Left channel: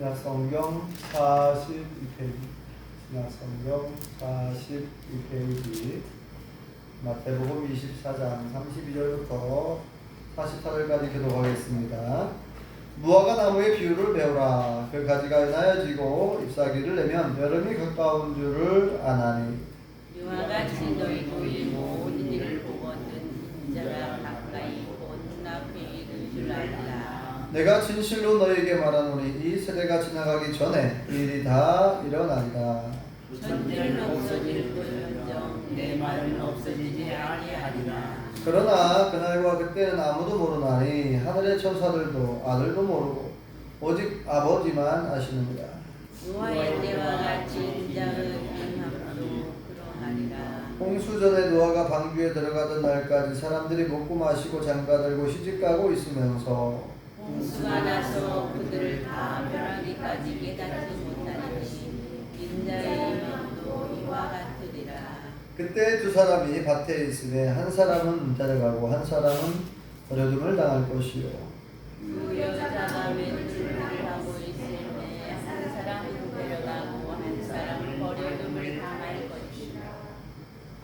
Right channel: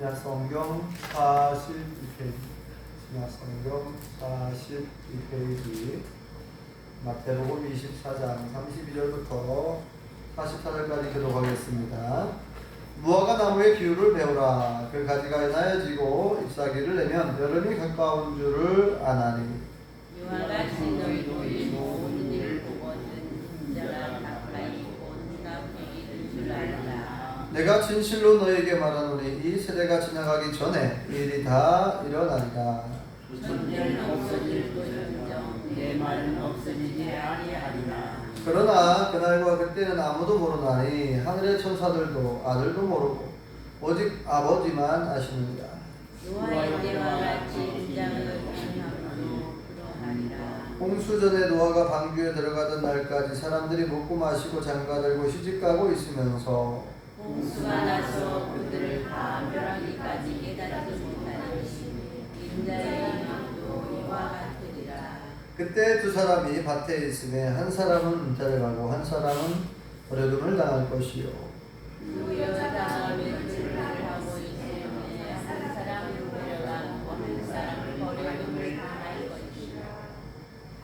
신약성경 42페이지, 신약성경 42페이지, 마태복음 24장 32절부터 44절까지 기록하겠습니다. 무화과 나무의 비유를 배우라. 그 가지가 나여지고 잎사귀를 내면 여름이 가까운 줄을 아나니. 유화같이 너희 보이고 온 일을 보거든 인자가 가까이 온 나무에 이를 줄 알라. 내가 진실로 너에게 말하노니 이 세대가 지나가기 전에 이 일이 다 일어나리라. 천대는 없어질지언정 내 말은 없어지지 아니하리라. 그러나 그날과 그때는 아무도 모르나니 하늘의 천사들도 아들도 모르고 오직 아버지만 아시느니라. 노아의 때와 같이 인자를 행함으로 그러하리라. 홍수전에 노아가 방주에 들어가던 날까지 사람들이 먹고 마시고 장가들고 시집가고 있으면서 홍수가 나서 그들을 다 멸하기까지 깨닫지 못하니 인자의 이름도 이와 같으리라. 그때 두 사람이 밭에 있으되 한 사람은 데려가고 한 사람은 버려둠을 당할 것이요. 그 여자가 왼쪽을 하고 있으니 한 사람은 데려가고 한 사람을 버려둠을 당할 것이라.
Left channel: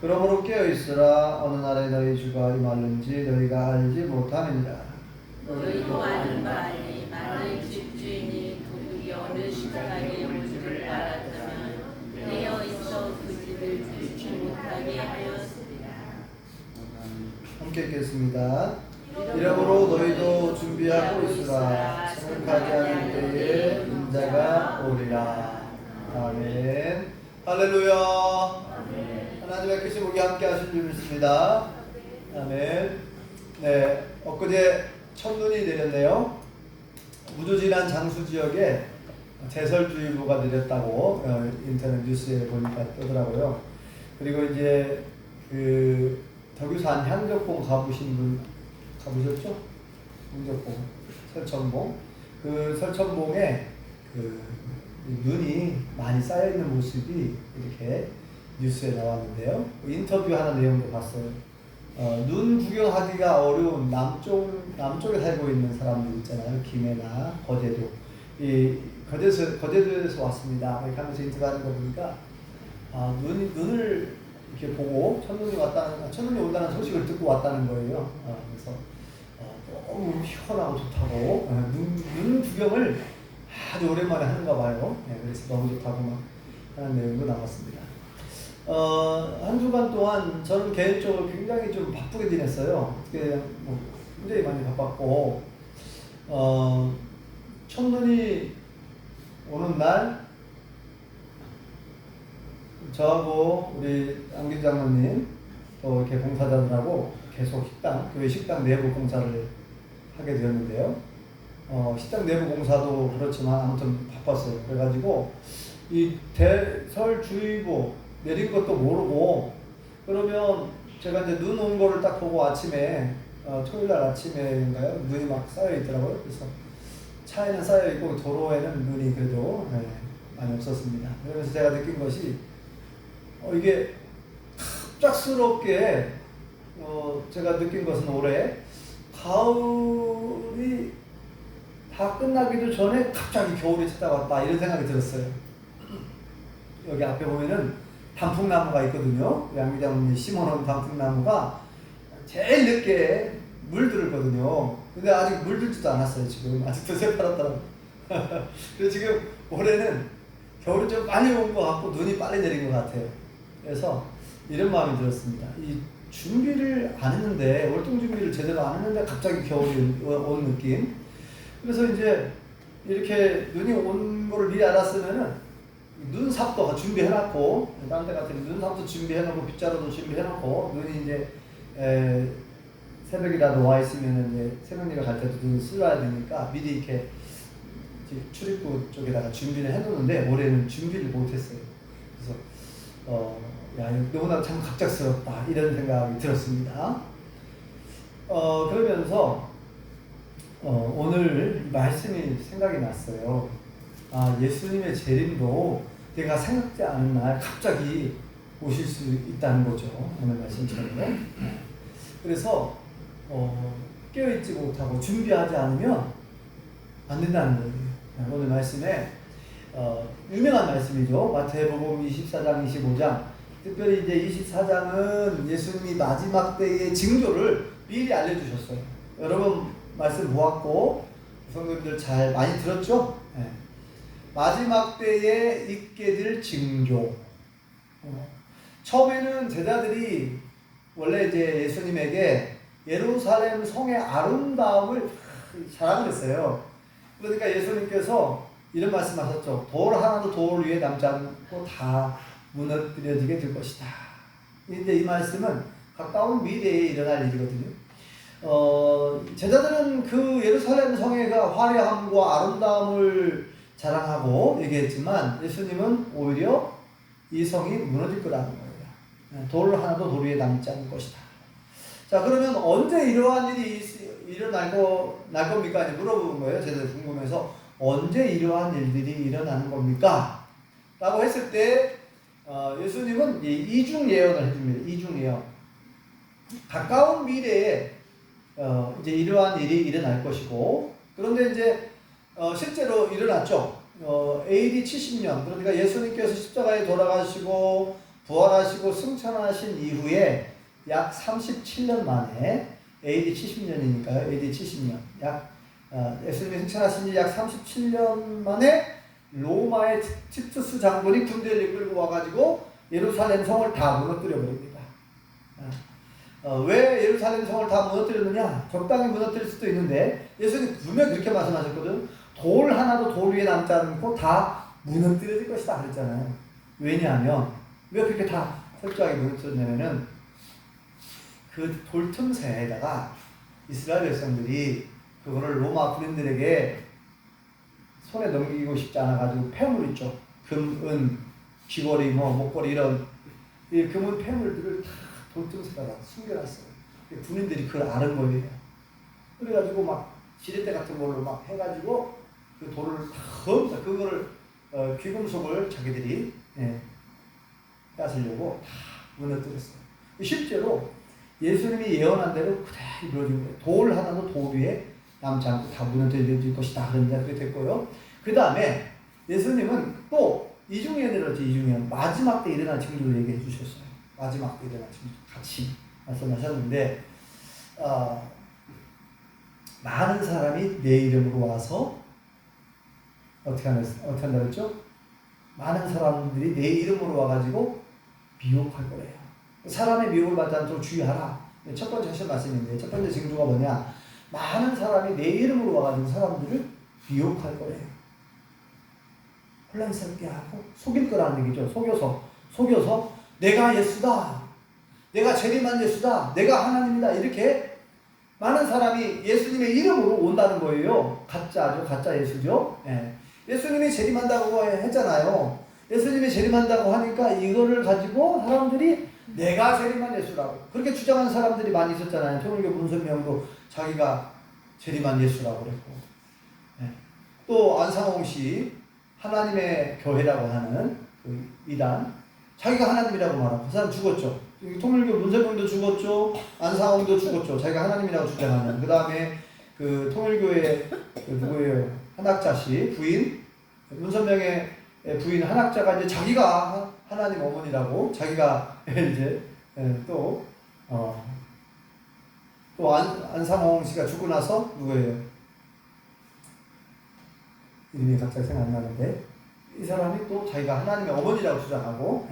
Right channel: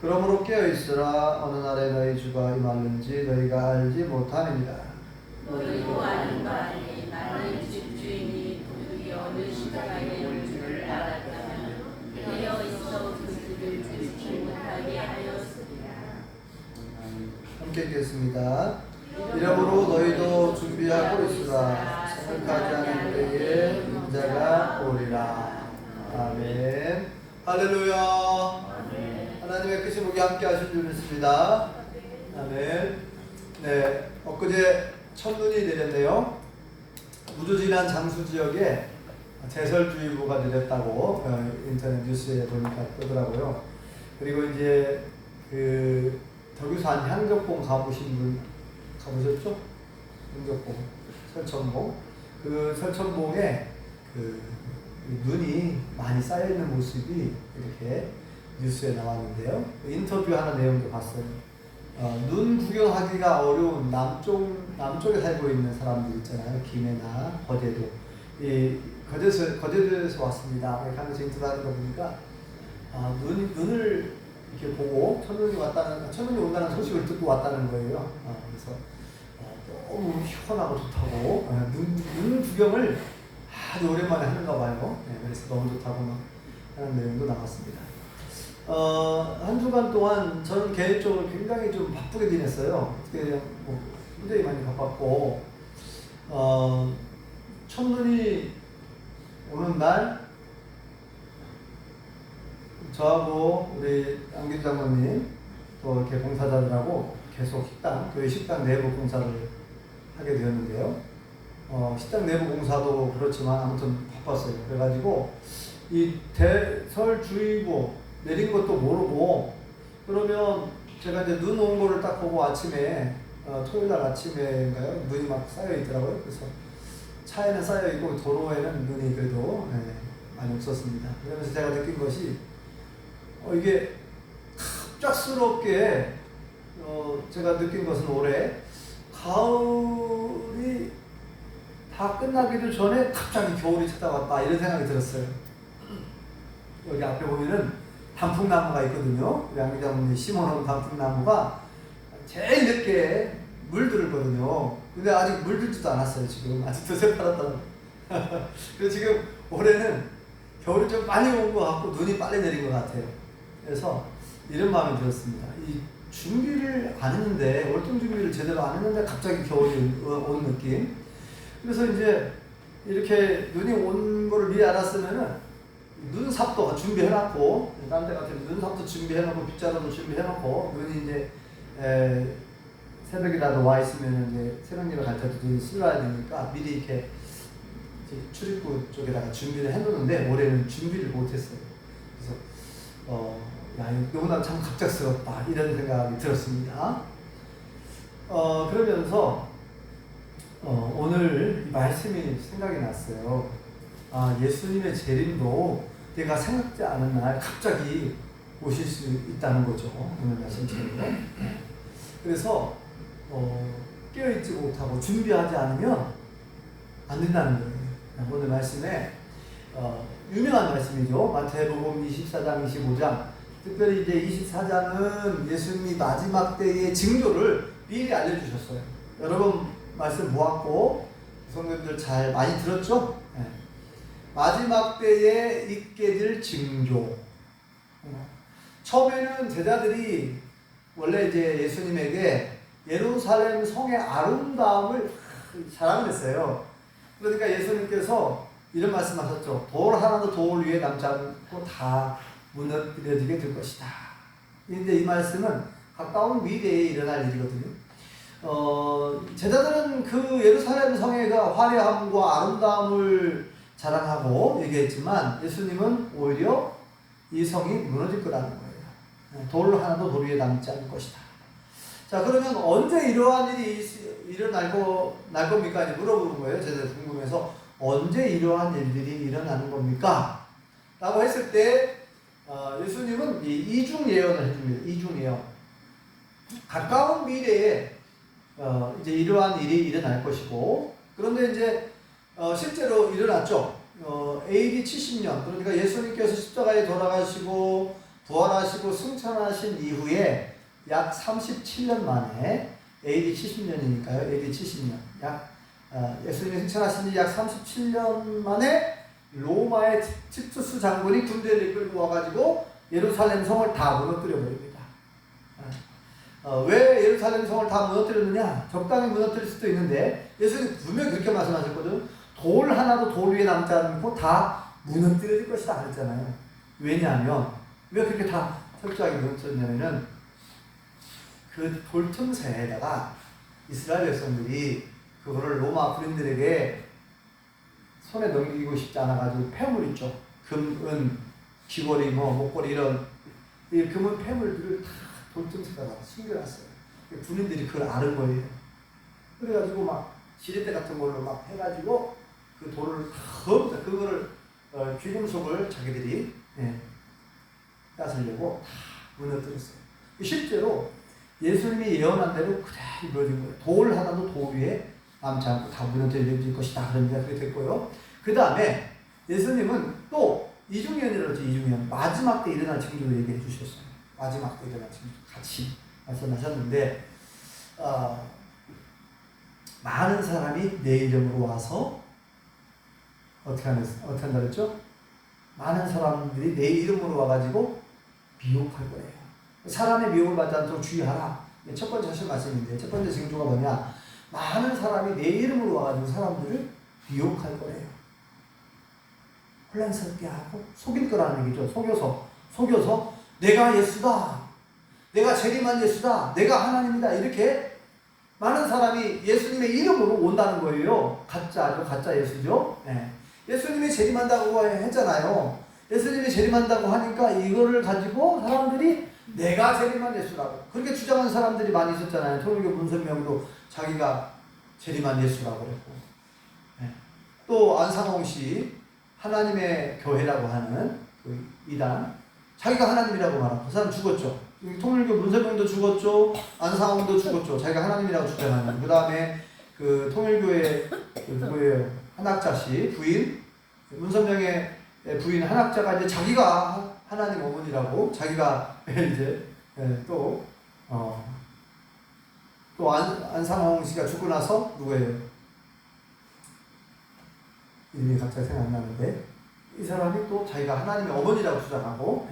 그러므로 깨어있으라. 어느 날에 너희 주가 임하는지 너희가 알지 못하느니라. 너희도 아는 바니 나의 집주인이 도둑이 어느 시간에 올 줄을 알았다면 깨어 있어 그 집을 들지 못하게 하였으리라. 함께 읽겠습니다. 이러므로 너희도 준비하고 있으라. 생각하지 않을 때에 인자가 오리라. 아멘. 할렐루야. 하나님의 크신 복이 함께 하신 줄 믿습니다. 아멘. 네, 엊그제 첫눈이 내렸네요. 무주지란 장수 지역에 대설주의보가 내렸다고 인터넷 뉴스에 보니까 뜨더라고요. 그리고 이제 그 덕유산 향적봉 가보신 분 가보셨죠? 향적봉, 설천봉. 그 설천봉에 그 눈이 많이 쌓여 있는 모습이 이렇게 뉴스에 나왔는데요. 인터뷰하는 내용도 봤어요. 눈 구경하기가 어려운 남쪽에 살고 있는 사람들 있잖아요. 김해나 거제도. 이 거제도에서 왔습니다. 이렇게 하면서 인터뷰하는 거 보니까 눈을 이렇게 보고 첫눈이 온다는 소식을 듣고 왔다는 거예요. 그래서 너무 시원하고 좋다고 눈 구경을 아주 오랜만에 하는가 봐요. 네, 그래서 너무 좋다고 막 하는 내용도 나왔습니다. 한 주간 동안 저는 개인적으로 굉장히 좀 바쁘게 지냈어요. 그냥 뭐 굉장히 많이 바빴고, 첫눈이 오는 날, 저하고 우리 안길 장로님, 또 이렇게 봉사자들하고 계속 교회 식당 내부 공사를 하게 되었는데요. 식당 내부 공사도 그렇지만 아무튼 바빴어요. 그래가지고, 이 대설주의보 내린 것도 모르고, 그러면 제가 이제 눈 온 거를 딱 보고 아침에, 토요일 날 아침에인가요? 눈이 막 쌓여 있더라고요. 그래서 차에는 쌓여 있고 도로에는 눈이 그래도 많이 없었습니다. 그래서 제가 느낀 것이, 이게 갑작스럽게, 제가 느낀 것은 올해 가을이 다 끝나기도 전에 갑자기 겨울이 찾아왔다 이런 생각이 들었어요. 여기 앞에 보면은 단풍나무가 있거든요. 양기장님이 심어놓은 단풍나무가 제일 늦게 물들었거든요. 근데 아직 물들지도 않았어요. 지금 아직도 새파랗다고. 그래서 지금 올해는 겨울이 좀 많이 온 것 같고 눈이 빨리 내린 것 같아요. 그래서 이런 마음이 들었습니다. 이 준비를 안 했는데, 월동 준비를 제대로 안 했는데 갑자기 겨울이 온 느낌. 그래서 이제 이렇게 눈이 온 거를 미리 알았으면은 눈삽도 준비해놨고, 다른 데 같은 눈삽도 준비해놓고, 빗자루도 준비해놓고, 눈이 이제 새벽이라도 와 있으면 이제 새벽 예배 갈 때도 눈이 실어야 되니까 미리 이렇게 출입구 쪽에다가 준비를 해놓는데 올해는 준비를 못했어요. 그래서 너무나 참 갑작스럽다 이런 생각이 들었습니다. 그러면서 오늘 말씀이 생각이 났어요. 예수님의 재림도 내가 생각지 않은 날 갑자기 오실 수 있다는 거죠. 오늘 말씀처럼. 그래서 깨어있지 못하고 준비하지 않으면 안 된다는 거예요. 오늘 말씀에 유명한 말씀이죠. 마태복음 24장, 25장. 특별히 이제 24장은 예수님이 마지막 때의 징조를 미리 알려주셨어요. 여러분 말씀 보았고 성도님들 잘 많이 들었죠? 네. 마지막 때에 있게 될 징조. 처음에는 제자들이 원래 이제 예수님에게 예루살렘 성의 아름다움을 자랑을 했어요. 그러니까 예수님께서 이런 말씀하셨죠. 돌 하나도 돌 위에 남지 않고 다 무너뜨려지게 될 것이다. 이제 이 말씀은 가까운 미래에 일어날 일이거든요. 제자들은 그 예루살렘 성의 그 화려함과 아름다움을 자랑하고 얘기했지만 예수님은 오히려 이 성이 무너질 거라는 거예요. 돌 하나도 돌 위에 남지 않을 것이다. 자, 그러면 언제 이러한 일이 일어날 겁니까? 이제 물어보는 거예요. 제자들 궁금해서 언제 이러한 일들이 일어나는 겁니까? 라고 했을 때 예수님은 이중 예언을 해줍니다. 이중 예언. 가까운 미래에 이제 이러한 일이 일어날 것이고, 그런데 이제 실제로 일어났죠. AD 70년, 그러니까 예수님께서 십자가에 돌아가시고 부활하시고 승천하신 이후에 약 37년 만에 AD 70년이니까요. AD 70년. 예수님이 승천하신 지 약 37년 만에 로마의 티투스 장군이 군대를 이끌고 와가지고 예루살렘 성을 다 무너뜨려 버립니다. 왜 예루살렘 성을 다 무너뜨렸느냐? 적당히 무너뜨릴 수도 있는데 예수님이 분명히 그렇게 말씀하셨거든. 돌 하나도 돌 위에 남지 않고 다 무너뜨려질 것이다 그랬잖아요. 왜냐하면 왜 그렇게 다 철저하게 무너뜨렸냐면은 그 돌 틈새에다가 이스라엘 백성들이 그거를 로마 군인들에게 손에 넘기고 싶지 않아가지고 폐물 있죠. 금, 은, 귀걸이, 목걸이 이런 이 금은 폐물들을 다 돌틈새에다가 숨겨놨어요. 군인들이 그걸 아는 거예요. 그래가지고 막 지렛대 같은 걸로 막 해가지고 그 돌을 다 험사 그거를 귀금속을 자기들이 뺏으려고 다 무너뜨렸어요. 실제로 예수님이 예언한 대로 그대로 이루어진 거예요. 돌 하나도 돌 위에 남지 않고 다 무너뜨릴 것이다. 그런데 그렇게 됐고요. 그 다음에 예수님은 또 이중예언을 했지. 이중예언. 마지막 때 일어날 징조를 얘기해 주셨어요. 마지막 때 일어날 징조 같이 말씀하셨는데 많은 사람이 내 이름으로 와서 어떻게 한다 그랬죠? 많은 사람들이 내 이름으로 와가지고 미혹할 거예요. 사람의 미혹을 받지 않도록 주의하라. 첫 번째 하신 말씀인데 첫 번째 징조가 뭐냐? 많은 사람이 내 이름으로 와가지고 사람들을 미혹할 거예요. 혼란스럽게 하고 속일 거라는 얘기죠. 속여서 내가 예수다. 내가 재림한 예수다. 내가 하나님이다. 이렇게 많은 사람이 예수님의 이름으로 온다는 거예요. 가짜 예수죠. 네. 예수님이 재림한다고 했잖아요. 예수님이 재림한다고 하니까 이거를 가지고 사람들이 내가 재림한 예수라고 그렇게 주장하는 사람들이 많이 있었잖아요. 통일교 문선명도 자기가 재림한 예수라고 그랬고, 네. 또 안상홍 씨 하나님의 교회라고 하는 그 이단 자기가 하나님이라고 말하고 그 사람 죽었죠. 통일교 문선명도 죽었죠. 안상홍도 죽었죠. 자기가 하나님이라고 주장하는. 그 다음에 그 통일교의 그 누구예요? 한학자 씨 부인 문선명의 부인 한학자가 이제 자기가 하나님 어머니라고 자기가 이제 또 안상홍 씨가 죽고 나서 누구예요? 이름이 갑자기 생각나는데 이 사람이 또 자기가 하나님의 어머니라고 주장하고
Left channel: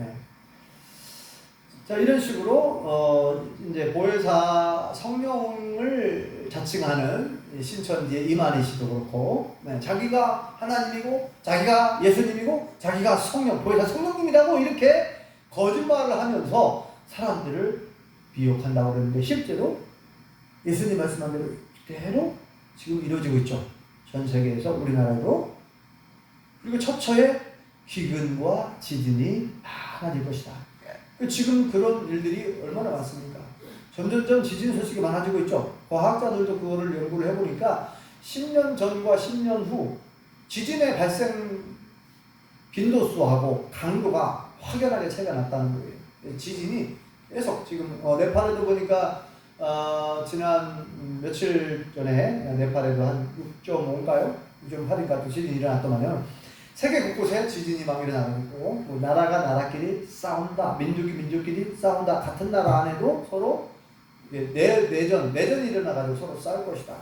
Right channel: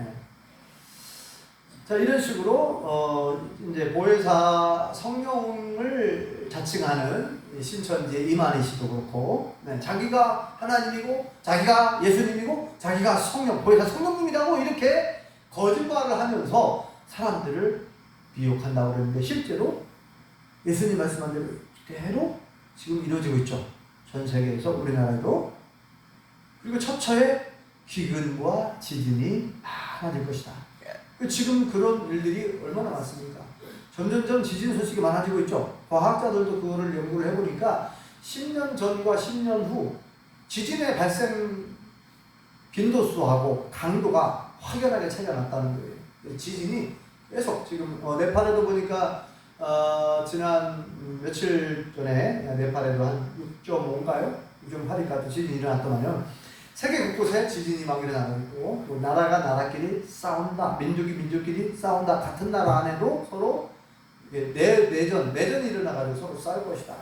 자 이런 식으로 이제 보혜사 성령을 자칭하는 신천지의 이만희 씨도 그렇고 자기가 하나님이고 자기가 예수님이고 자기가 보혜사 성령님이라고 이렇게 거짓말을 하면서 사람들을 미혹한다고 그러는데 실제로 예수님 말씀한 대로 그대로 지금 이루어지고 있죠. 전 세계에서 우리나라도. 그리고 처처에 기근과 지진이 많아질 것이다. 지금 그런 일들이 얼마나 많습니까? 점점점 지진 소식이 많아지고 있죠. 과학자들도 그거를 연구를 해보니까 10년 전과 10년 후 지진의 발생 빈도수하고 강도가 확연하게 차이가 났다는 거예요. 지진이 계속 지금 네팔에도 보니까 지난 며칠 전에 네팔에도 한 6.5인가요? 좀 하니까 또 지진이 일어났더만요. 세계 곳곳에 지진이 막 일어나고 있고, 뭐 나라가 나라끼리 싸운다, 민족이 민족끼리 싸운다. 같은 나라 안에도 서로 내전이 일어나가지고 서로 싸울 것이다.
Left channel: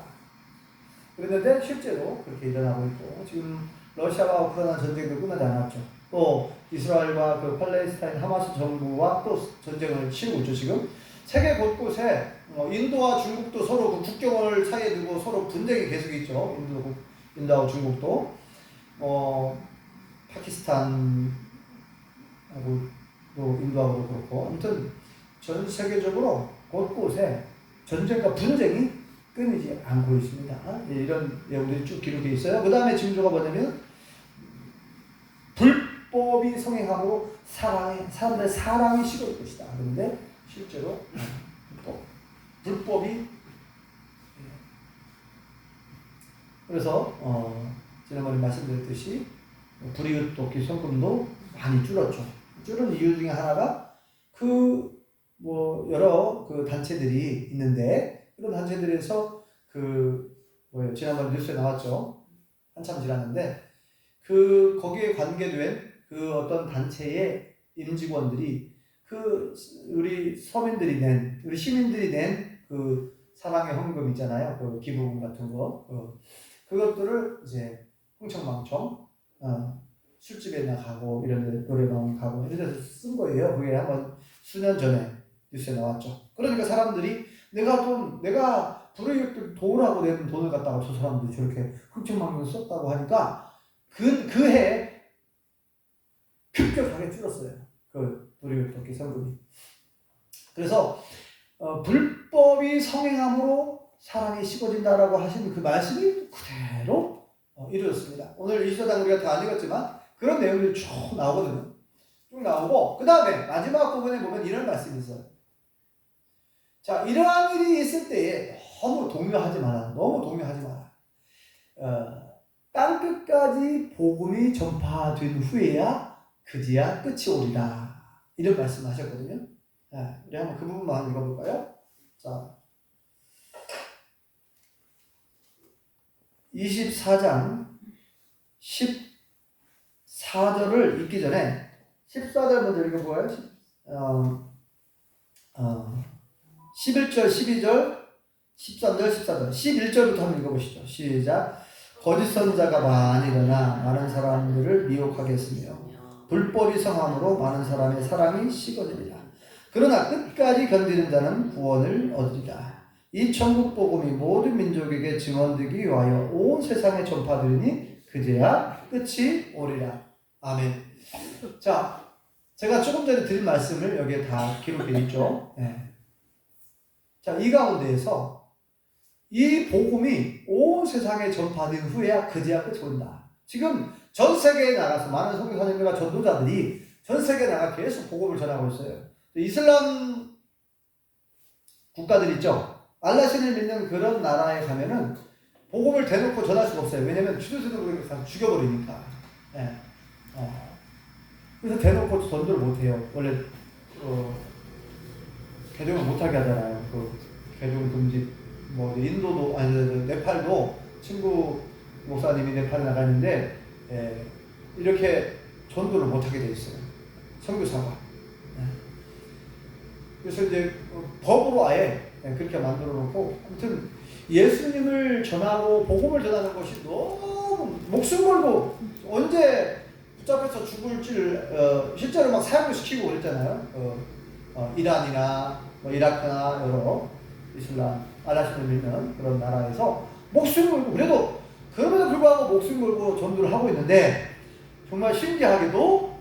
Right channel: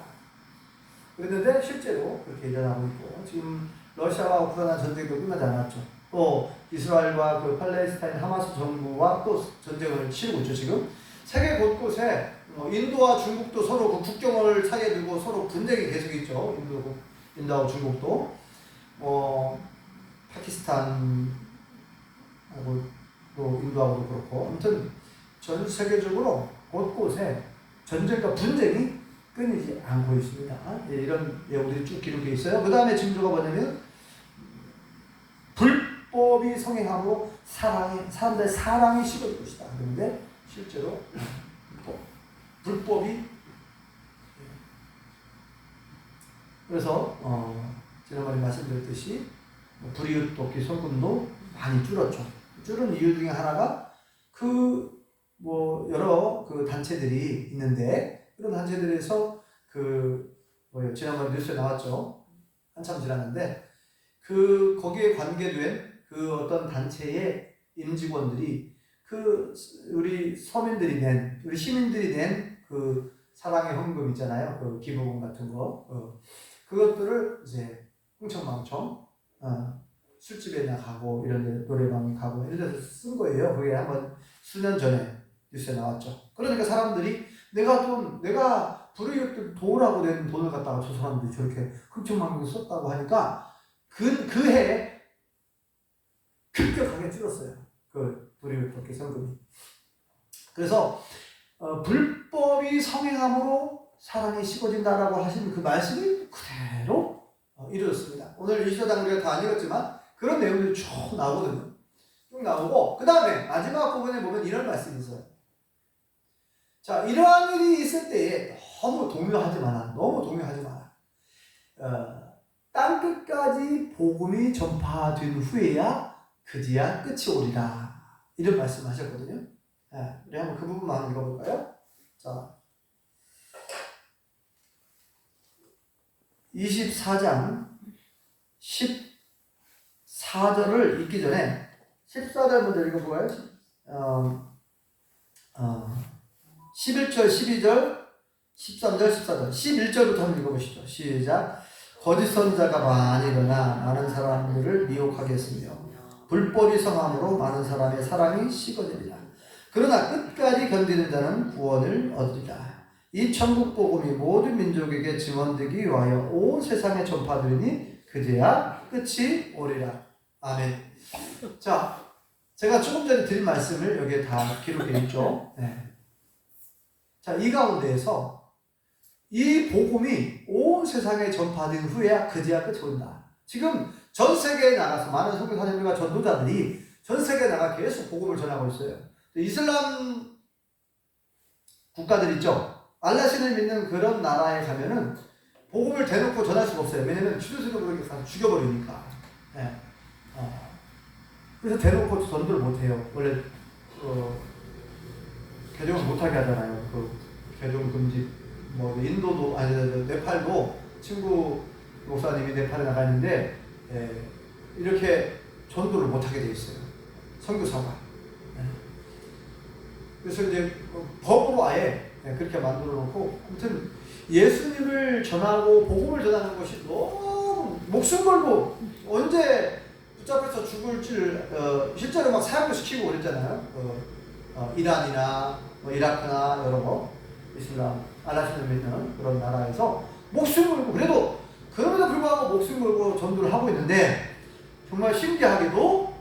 그랬는데 실제로 그렇게 일어나고 있고, 지금 러시아와 우크라이나 전쟁도 끝나지 않았죠. 또 이스라엘과 그 팔레스타인 하마스 정부와 또 전쟁을 치르고 있죠. 지금 세계 곳곳에 인도와 중국도 서로 그 국경을 사이에 두고 서로 분쟁이 계속 있죠. 인도하고 중국도 파키스탄하고 또 인도하고도 그렇고, 아무튼 전 세계적으로 곳곳에 전쟁과 분쟁이 끊이지 않고 있습니다. 이런 내용들이 쭉 기록되어 있어요. 그 다음에 징조가 뭐냐면 불법이 성행함으로 사람들의 사랑이 식어질 것이다. 그런데 실제로 불법이 그래서 지난번에 말씀드렸듯이 불이웃 돕기 소금도 많이 줄었죠. 줄은 이유 중에 하나가 여러 단체들이 있는데, 그런 단체들에서 지난번에 뉴스에 나왔죠. 한참 지났는데 거기에 관계된 어떤 단체의 임직원들이 우리 서민들이 우리 시민들이 낸 사랑의 헌금 있잖아요. 기부금 같은 거. 그것들을 이제 흥청망청 술집에 가고 이런 데 노래방 가고 이런 데서 쓴 거예요. 그게 한번 수년 전에 뉴스에 나왔죠. 그러니까 사람들이 내가 불의웃들 도우라고 낸 돈을 갖다가 저 사람들이 저렇게 흥청망청 썼다고 하니까 그 해 급격하게 줄었어요. 불의웃 돕기 성금이. 그래서 불법이 성행함으로 사랑이 식어진다라고 하신 그 말씀이 그대로 이루어졌습니다. 오늘 이수당 우리가 다 읽었지만 그런 내용들이 쭉 나오거든요. 쭉 나오고, 그 다음에 마지막 부분에 보면 이런 말씀이 있어요. 자, 이러한 일이 있을 때에 너무 동요하지 마라. 땅끝까지 복음이 전파된 후에야 그제야 끝이 오리라. 이런 말씀을 하셨거든요. 우리 한번 그 부분만 읽어볼까요? 자, 24장 14절을 읽기 전에 14절 먼저 읽어보아요. 11절, 12절, 13절, 14절, 11절부터 한번 읽어보시죠. 시작. 거짓 선자가 많이 일어나 많은 사람들을 미혹하게 했으며 불법이 성함으로 많은 사람의 사랑이 식어지리라. 그러나 끝까지 견디는 자는 구원을 얻으리라. 이 천국 복음이 모든 민족에게 증언되기 위하여 온 세상에 전파되리니 그제야 끝이 오리라. 아멘. 자, 제가 조금 전에 드린 말씀을 여기에 다 기록되어 있죠. 네. 자, 이 가운데에서 이 복음이 온 세상에 전파된 후에야 그제야 끝이 온다. 지금 전 세계에 나가서 많은 선교사님들과 전도자들이 전 세계에 나가 계속 복음을 전하고 있어요. 이슬람 국가들 있죠. 알라신을 믿는 그런 나라에 가면은 복음을 대놓고 전할 수가 없어요. 왜냐면 주도세도를 죽여버리니까. 네. 그래서 대놓고 전도를 못해요. 원래 개종을 못하게 하잖아요. 개종 금지. 인도도 네팔도 친구 목사님이 네팔에 나가는데 이렇게 전도를 못하게 돼 있어요. 선교사가. 그래서 이제 법으로 아예 그렇게 만들어 놓고, 아무튼 예수님을 전하고 복음을 전하는 것이 너무 목숨 걸고 언제 붙잡혀서 죽을지를 실제로 막 사형을 시키고 그랬잖아요. 이란이나 이라크나 여러 이슬람 알라신을 믿는 그런 나라에서 목숨 걸고, 그럼에도 불구하고 목숨 걸고 전도를 하고 있는데, 정말 신기하게도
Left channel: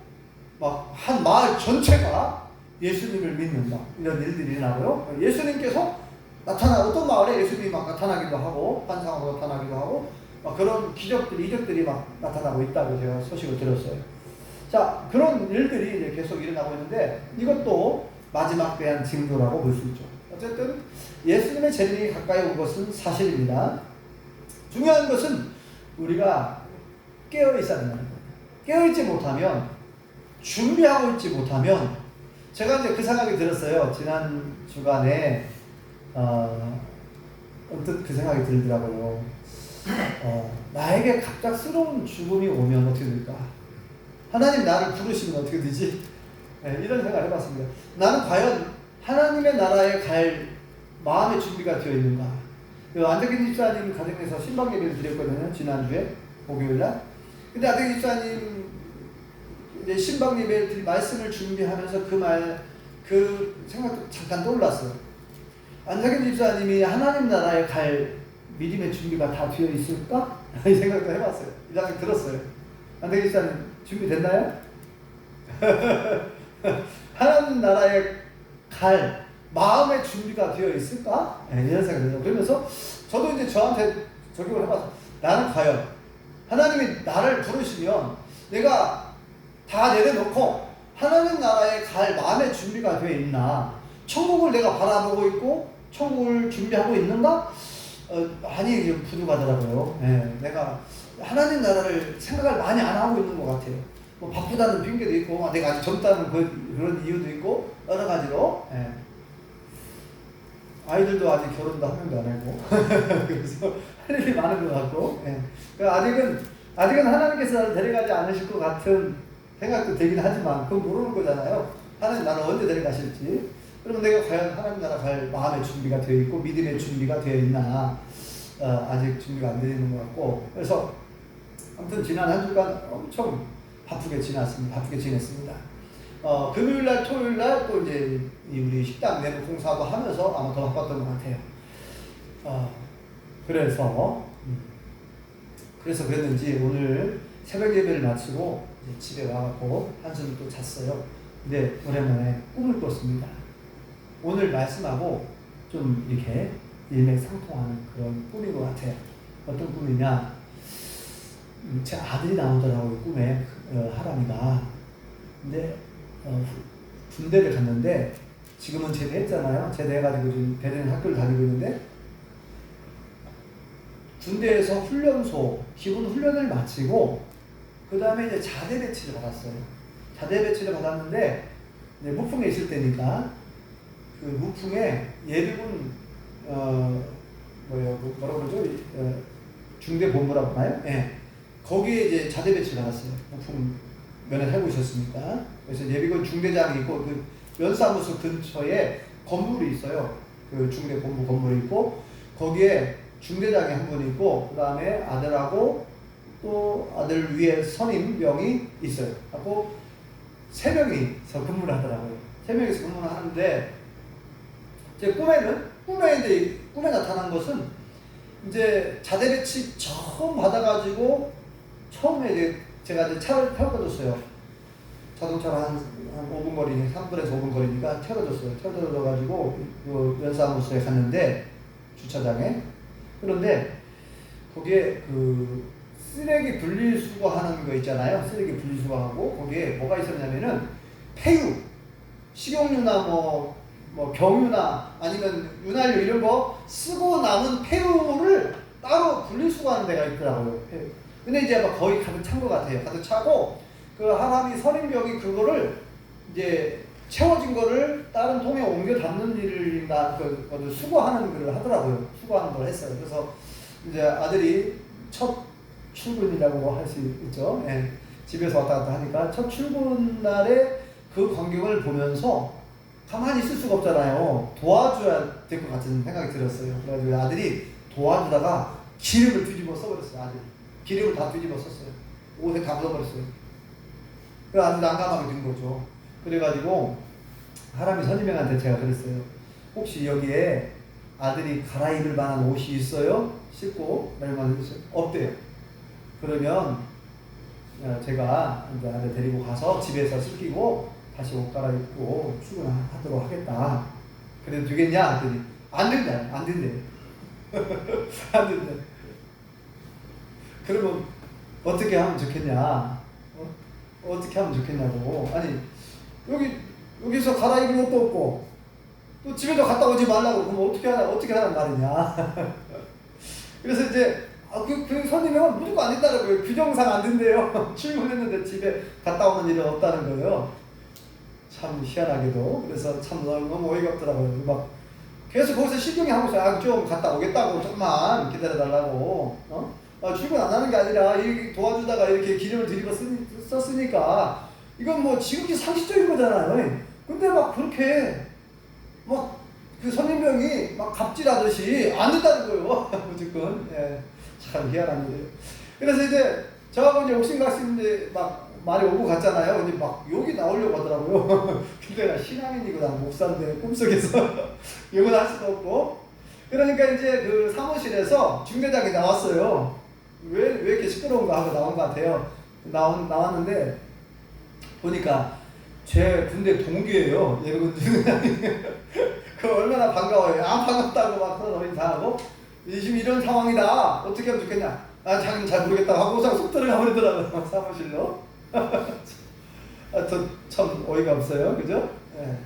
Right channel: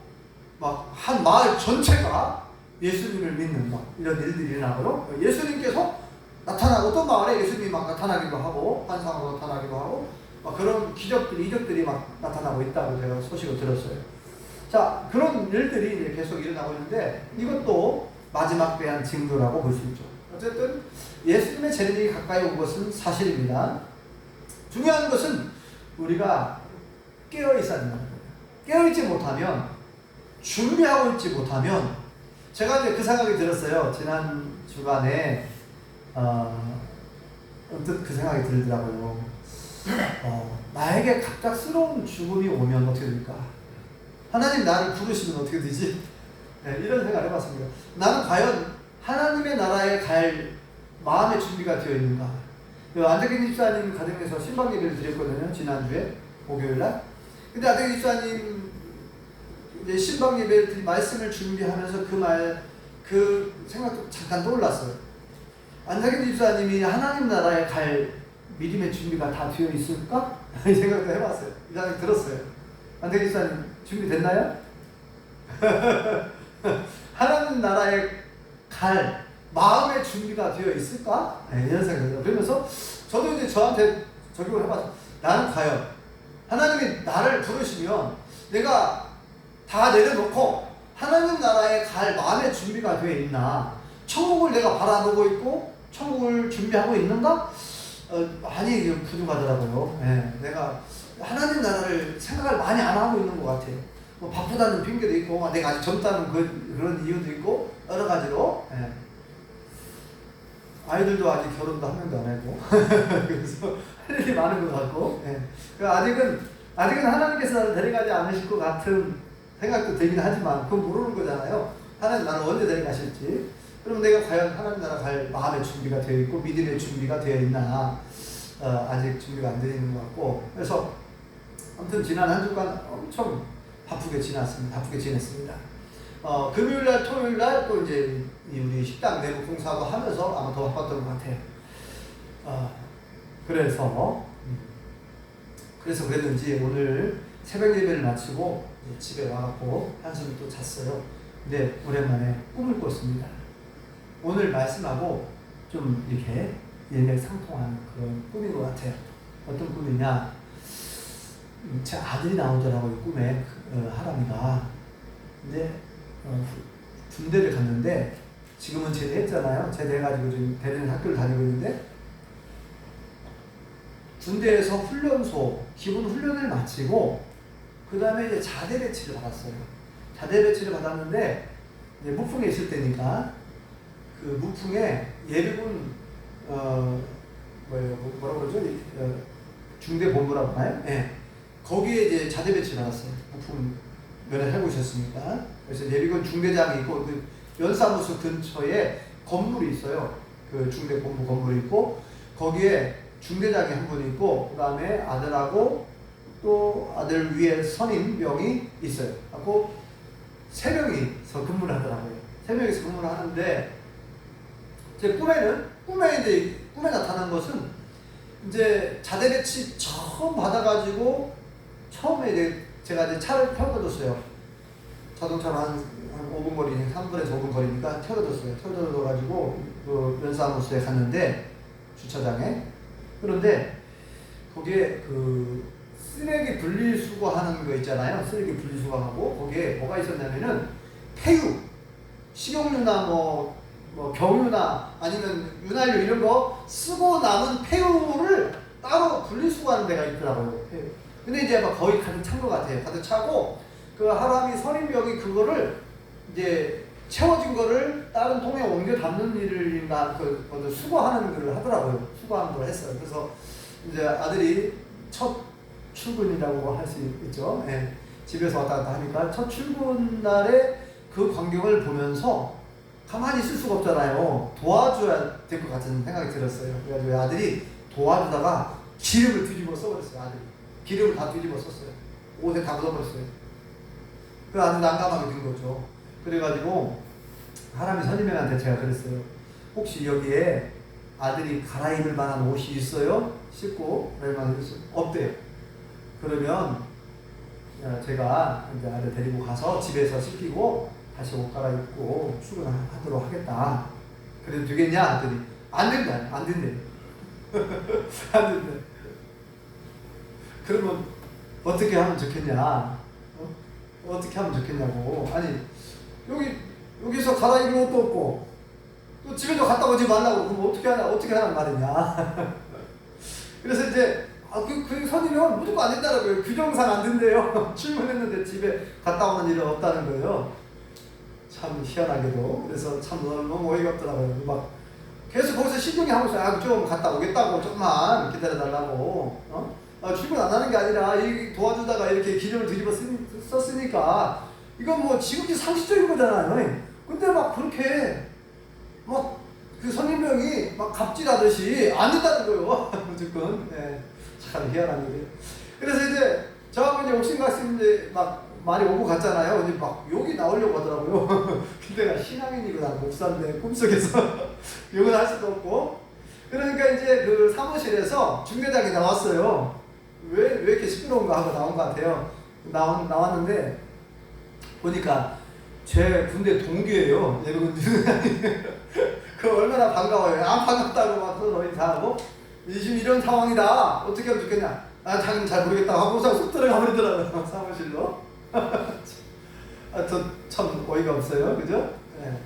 막 한 마을 전체가 예수님을 믿는 이런 일들이 일어나고요. 예수님께서 나타나고, 어떤 마을에 예수님이 막 나타나기도 하고 환상으로 나타나기도 하고 그런 이적들이 막 나타나고 있다고 제가 소식을 들었어요. 자, 그런 일들이 이제 계속 일어나고 있는데, 이것도 마지막 대한 징조라고 볼 수 있죠. 어쨌든 예수님의 재림이 가까이 온 것은 사실입니다. 중요한 것은 우리가 깨어 있어야 된다는 거예요. 깨어 있지 못하면, 준비하고 있지 못하면, 제가 이제 그 생각이 들었어요. 지난 주간에 언뜻 그 생각이 들더라고요. 나에게 갑작스러운 죽음이 오면 어떻게 될까? 하나님 나를 부르시면 어떻게 되지? 네, 이런 생각을 해봤습니다. 나는 과연 하나님의 나라에 갈 마음의 준비가 되어 있는가? 안대기 집사님 가정에서 신방 예배를 드렸거든요. 지난주에 목요일날. 근데 안대기 집사님 이제 신방 예배 말씀을 준비하면서 그 생각도 잠깐 떠올랐어요. 안대기 집사님이 하나님 나라에 갈 믿음의 준비가 다 되어 있을까? 이 생각도 해봤어요. 이 생각이 들었어요. 안대기 집사님 준비됐나요? 하나님 나라에 갈 마음의 준비가 되어 있을까? 네, 이런 생각이 들어요. 그러면서 저도 이제 저한테 적용을 해봤어요. 나는 과연 하나님이 나를 부르시면 내가 다 내려놓고 하나님 나라에 갈 마음의 준비가 되어 있나? 천국을 내가 바라보고 있고 천국을 준비하고 있는가? 많이 부족하더라고요. 네, 내가 하나님 나라를 생각을 많이 안 하고 있는 것 같아요. 뭐 바쁘다는 핑계도 있고, 내가 아직 젊다는 그런 이유도 있고, 여러 가지로. 네. 아이들도 아직 결혼도 한 명도 안 하고, 그래서 할 일이 많은 것 같고, 네. 아직은 하나님께서 데려가지 않으실 것 같은 생각도 들긴 하지만, 그건 모르는 거잖아요. 하나님 나를 언제 데려가실지. 그럼 내가 과연 하나님 나라 갈 마음의 준비가 되어 있고, 믿음의 준비가 되어 있나, 아직 준비가 안 되어 있는 것 같고, 그래서 아무튼 지난 한 주간 엄청 바쁘게 지냈습니다. 금요일날, 토요일날 또 이제 우리 식당 내부 공사하고 하면서 아마 더 바빴던 것 같아요. 그래서 그랬는지 오늘 새벽 예배를 마치고 이제 집에 와갖고 한숨을 또 잤어요. 근데 오랜만에 꿈을 꿨습니다. 오늘 말씀하고 좀 이렇게 일맥상통하는 그런 꿈인 것 같아요. 어떤 꿈이냐? 제 아들이 나오더라고요. 꿈에 하람이가. 근데 군대를 갔는데 지금은 제대했잖아요. 제대해가지고 지금 베를린 학교를 다니고 있는데 군대에서 훈련소 기본 훈련을 마치고 그 다음에 이제 자대 배치를 받았어요. 자대 배치를 받았는데 이제 무풍에 있을 때니까 그 무풍에 예비군 뭐라고 그러죠? 중대본부라고 하나요? 네. 거기에 이제 자대 배치를 받았어요. 무풍 면에 살고 있었으니까. 그래서 예비군 중대장이 있고 그 연사무소 근처에 건물이 있어요. 그 중대본부 건물이 있고 거기에 중대장이 한 분 있고 그 다음에 아들하고 또 아들 위에 선임병이 있어요. 하고 세 명이서 근무를 하더라고요. 세 명이서 근무를 하는데 제 꿈에 나타난 것은 이제 자대 배치 처음 받아가지고 처음에 이제 제가 이제 차를 태워줬어요. 자동차로 한 5분 거리, 3분에서 5분 거리니까 태워줬어요. 태워줘가지고 그 연사무소에 갔는데 주차장에. 그런데 거기에 그 쓰레기 분리수거하는 거 있잖아요. 쓰레기 분리수거하고 거기에 뭐가 있었냐면은 폐유, 식용유나 뭐 경유나 아니면 윤활유 이런 거 쓰고 남은 폐유를 따로 분리수거하는 데가 있더라고요. 근데 이제 막 거의 가득 찬 것 같아요. 가득 차고 그 하람이 선임병이 그거를 이제 채워진 거를 다른 통에 옮겨 담는 일인가 수거하는 일을 하더라고요. 수거하는 걸 했어요. 그래서 이제 아들이 첫 출근이라고 할 수 있죠. 예. 집에서 왔다 갔다 하니까 첫 출근 날에 그 광경을 보면서 가만히 있을 수가 없잖아요. 도와줘야 될 것 같은 생각이 들었어요. 그래서 아들이 도와주다가 기름을 뒤집어 써버렸어요. 아들이 기름을 다 뒤집어 썼어요. 옷에 다 묻어버렸어요. 그 아주 난감하게 된 거죠. 그래가지고 하람이 선임병한테 제가 그랬어요. 혹시 여기에 아들이 갈아입을 만한 옷이 있어요? 씻고 없대요. 그러면 제가 이제 아들 데리고 가서 집에서 씻기고 다시 옷 갈아입고 출근하도록 하겠다. 그래도 되겠냐? 아들이 안 된대. 안 된대. 그러면 어떻게 하면 좋겠냐? 어떻게 하면 좋겠냐고. 아니 여기서 갈아입을 옷도 없고 또 집에도 갔다 오지 말라고 그럼 어떻게 하란 말이냐. 그래서 이제 그 선임은 무조건 안 된다는 거예요. 규정상 안 된대요. 출근했는데 집에 갔다 오는 일은 없다는 거예요. 참 희한하게도. 그래서 참 너무 어이가 없더라고요. 막 계속 거기서 신경하고 있어요. 아, 좀 갔다 오겠다고 조금만 기다려달라고. 출근 안 하는 게 아니라 이 도와주다가 이렇게 기름을 들이고 썼으니까 이건 뭐 지극히 상식적인 거잖아요. 근데 막 그렇게 막 그 선임병이 막 갑질하듯이 안 된다는 거예요. 무조건. 네. 참 희한한 일이에요. 그래서 이제 저하고 이제 옥신각신 이제 막 많이 오고 갔잖아요. 이제 막 욕이 나오려고 하더라고요. 근데 신앙인이거든, 목사인데 꿈속에서 욕은 할 수도 없고. 그러니까 이제 그 사무실에서 중대장이 나왔어요. 왜 이렇게 시끄러운가 하고 나온 것 같아요. 나왔는데 보니까 제 군대 동기예요. 예비군 중대장이. 그 얼마나 반가워요. 안 반갑다고 막 소리 다 하고 지금 이런 상황이다. 어떻게 하면 좋겠냐. 아, 자기는 잘 모르겠다 하고 쏙 들어가 버리더라고요. 사무실로. 참 어이가 없어요. 그죠? 네.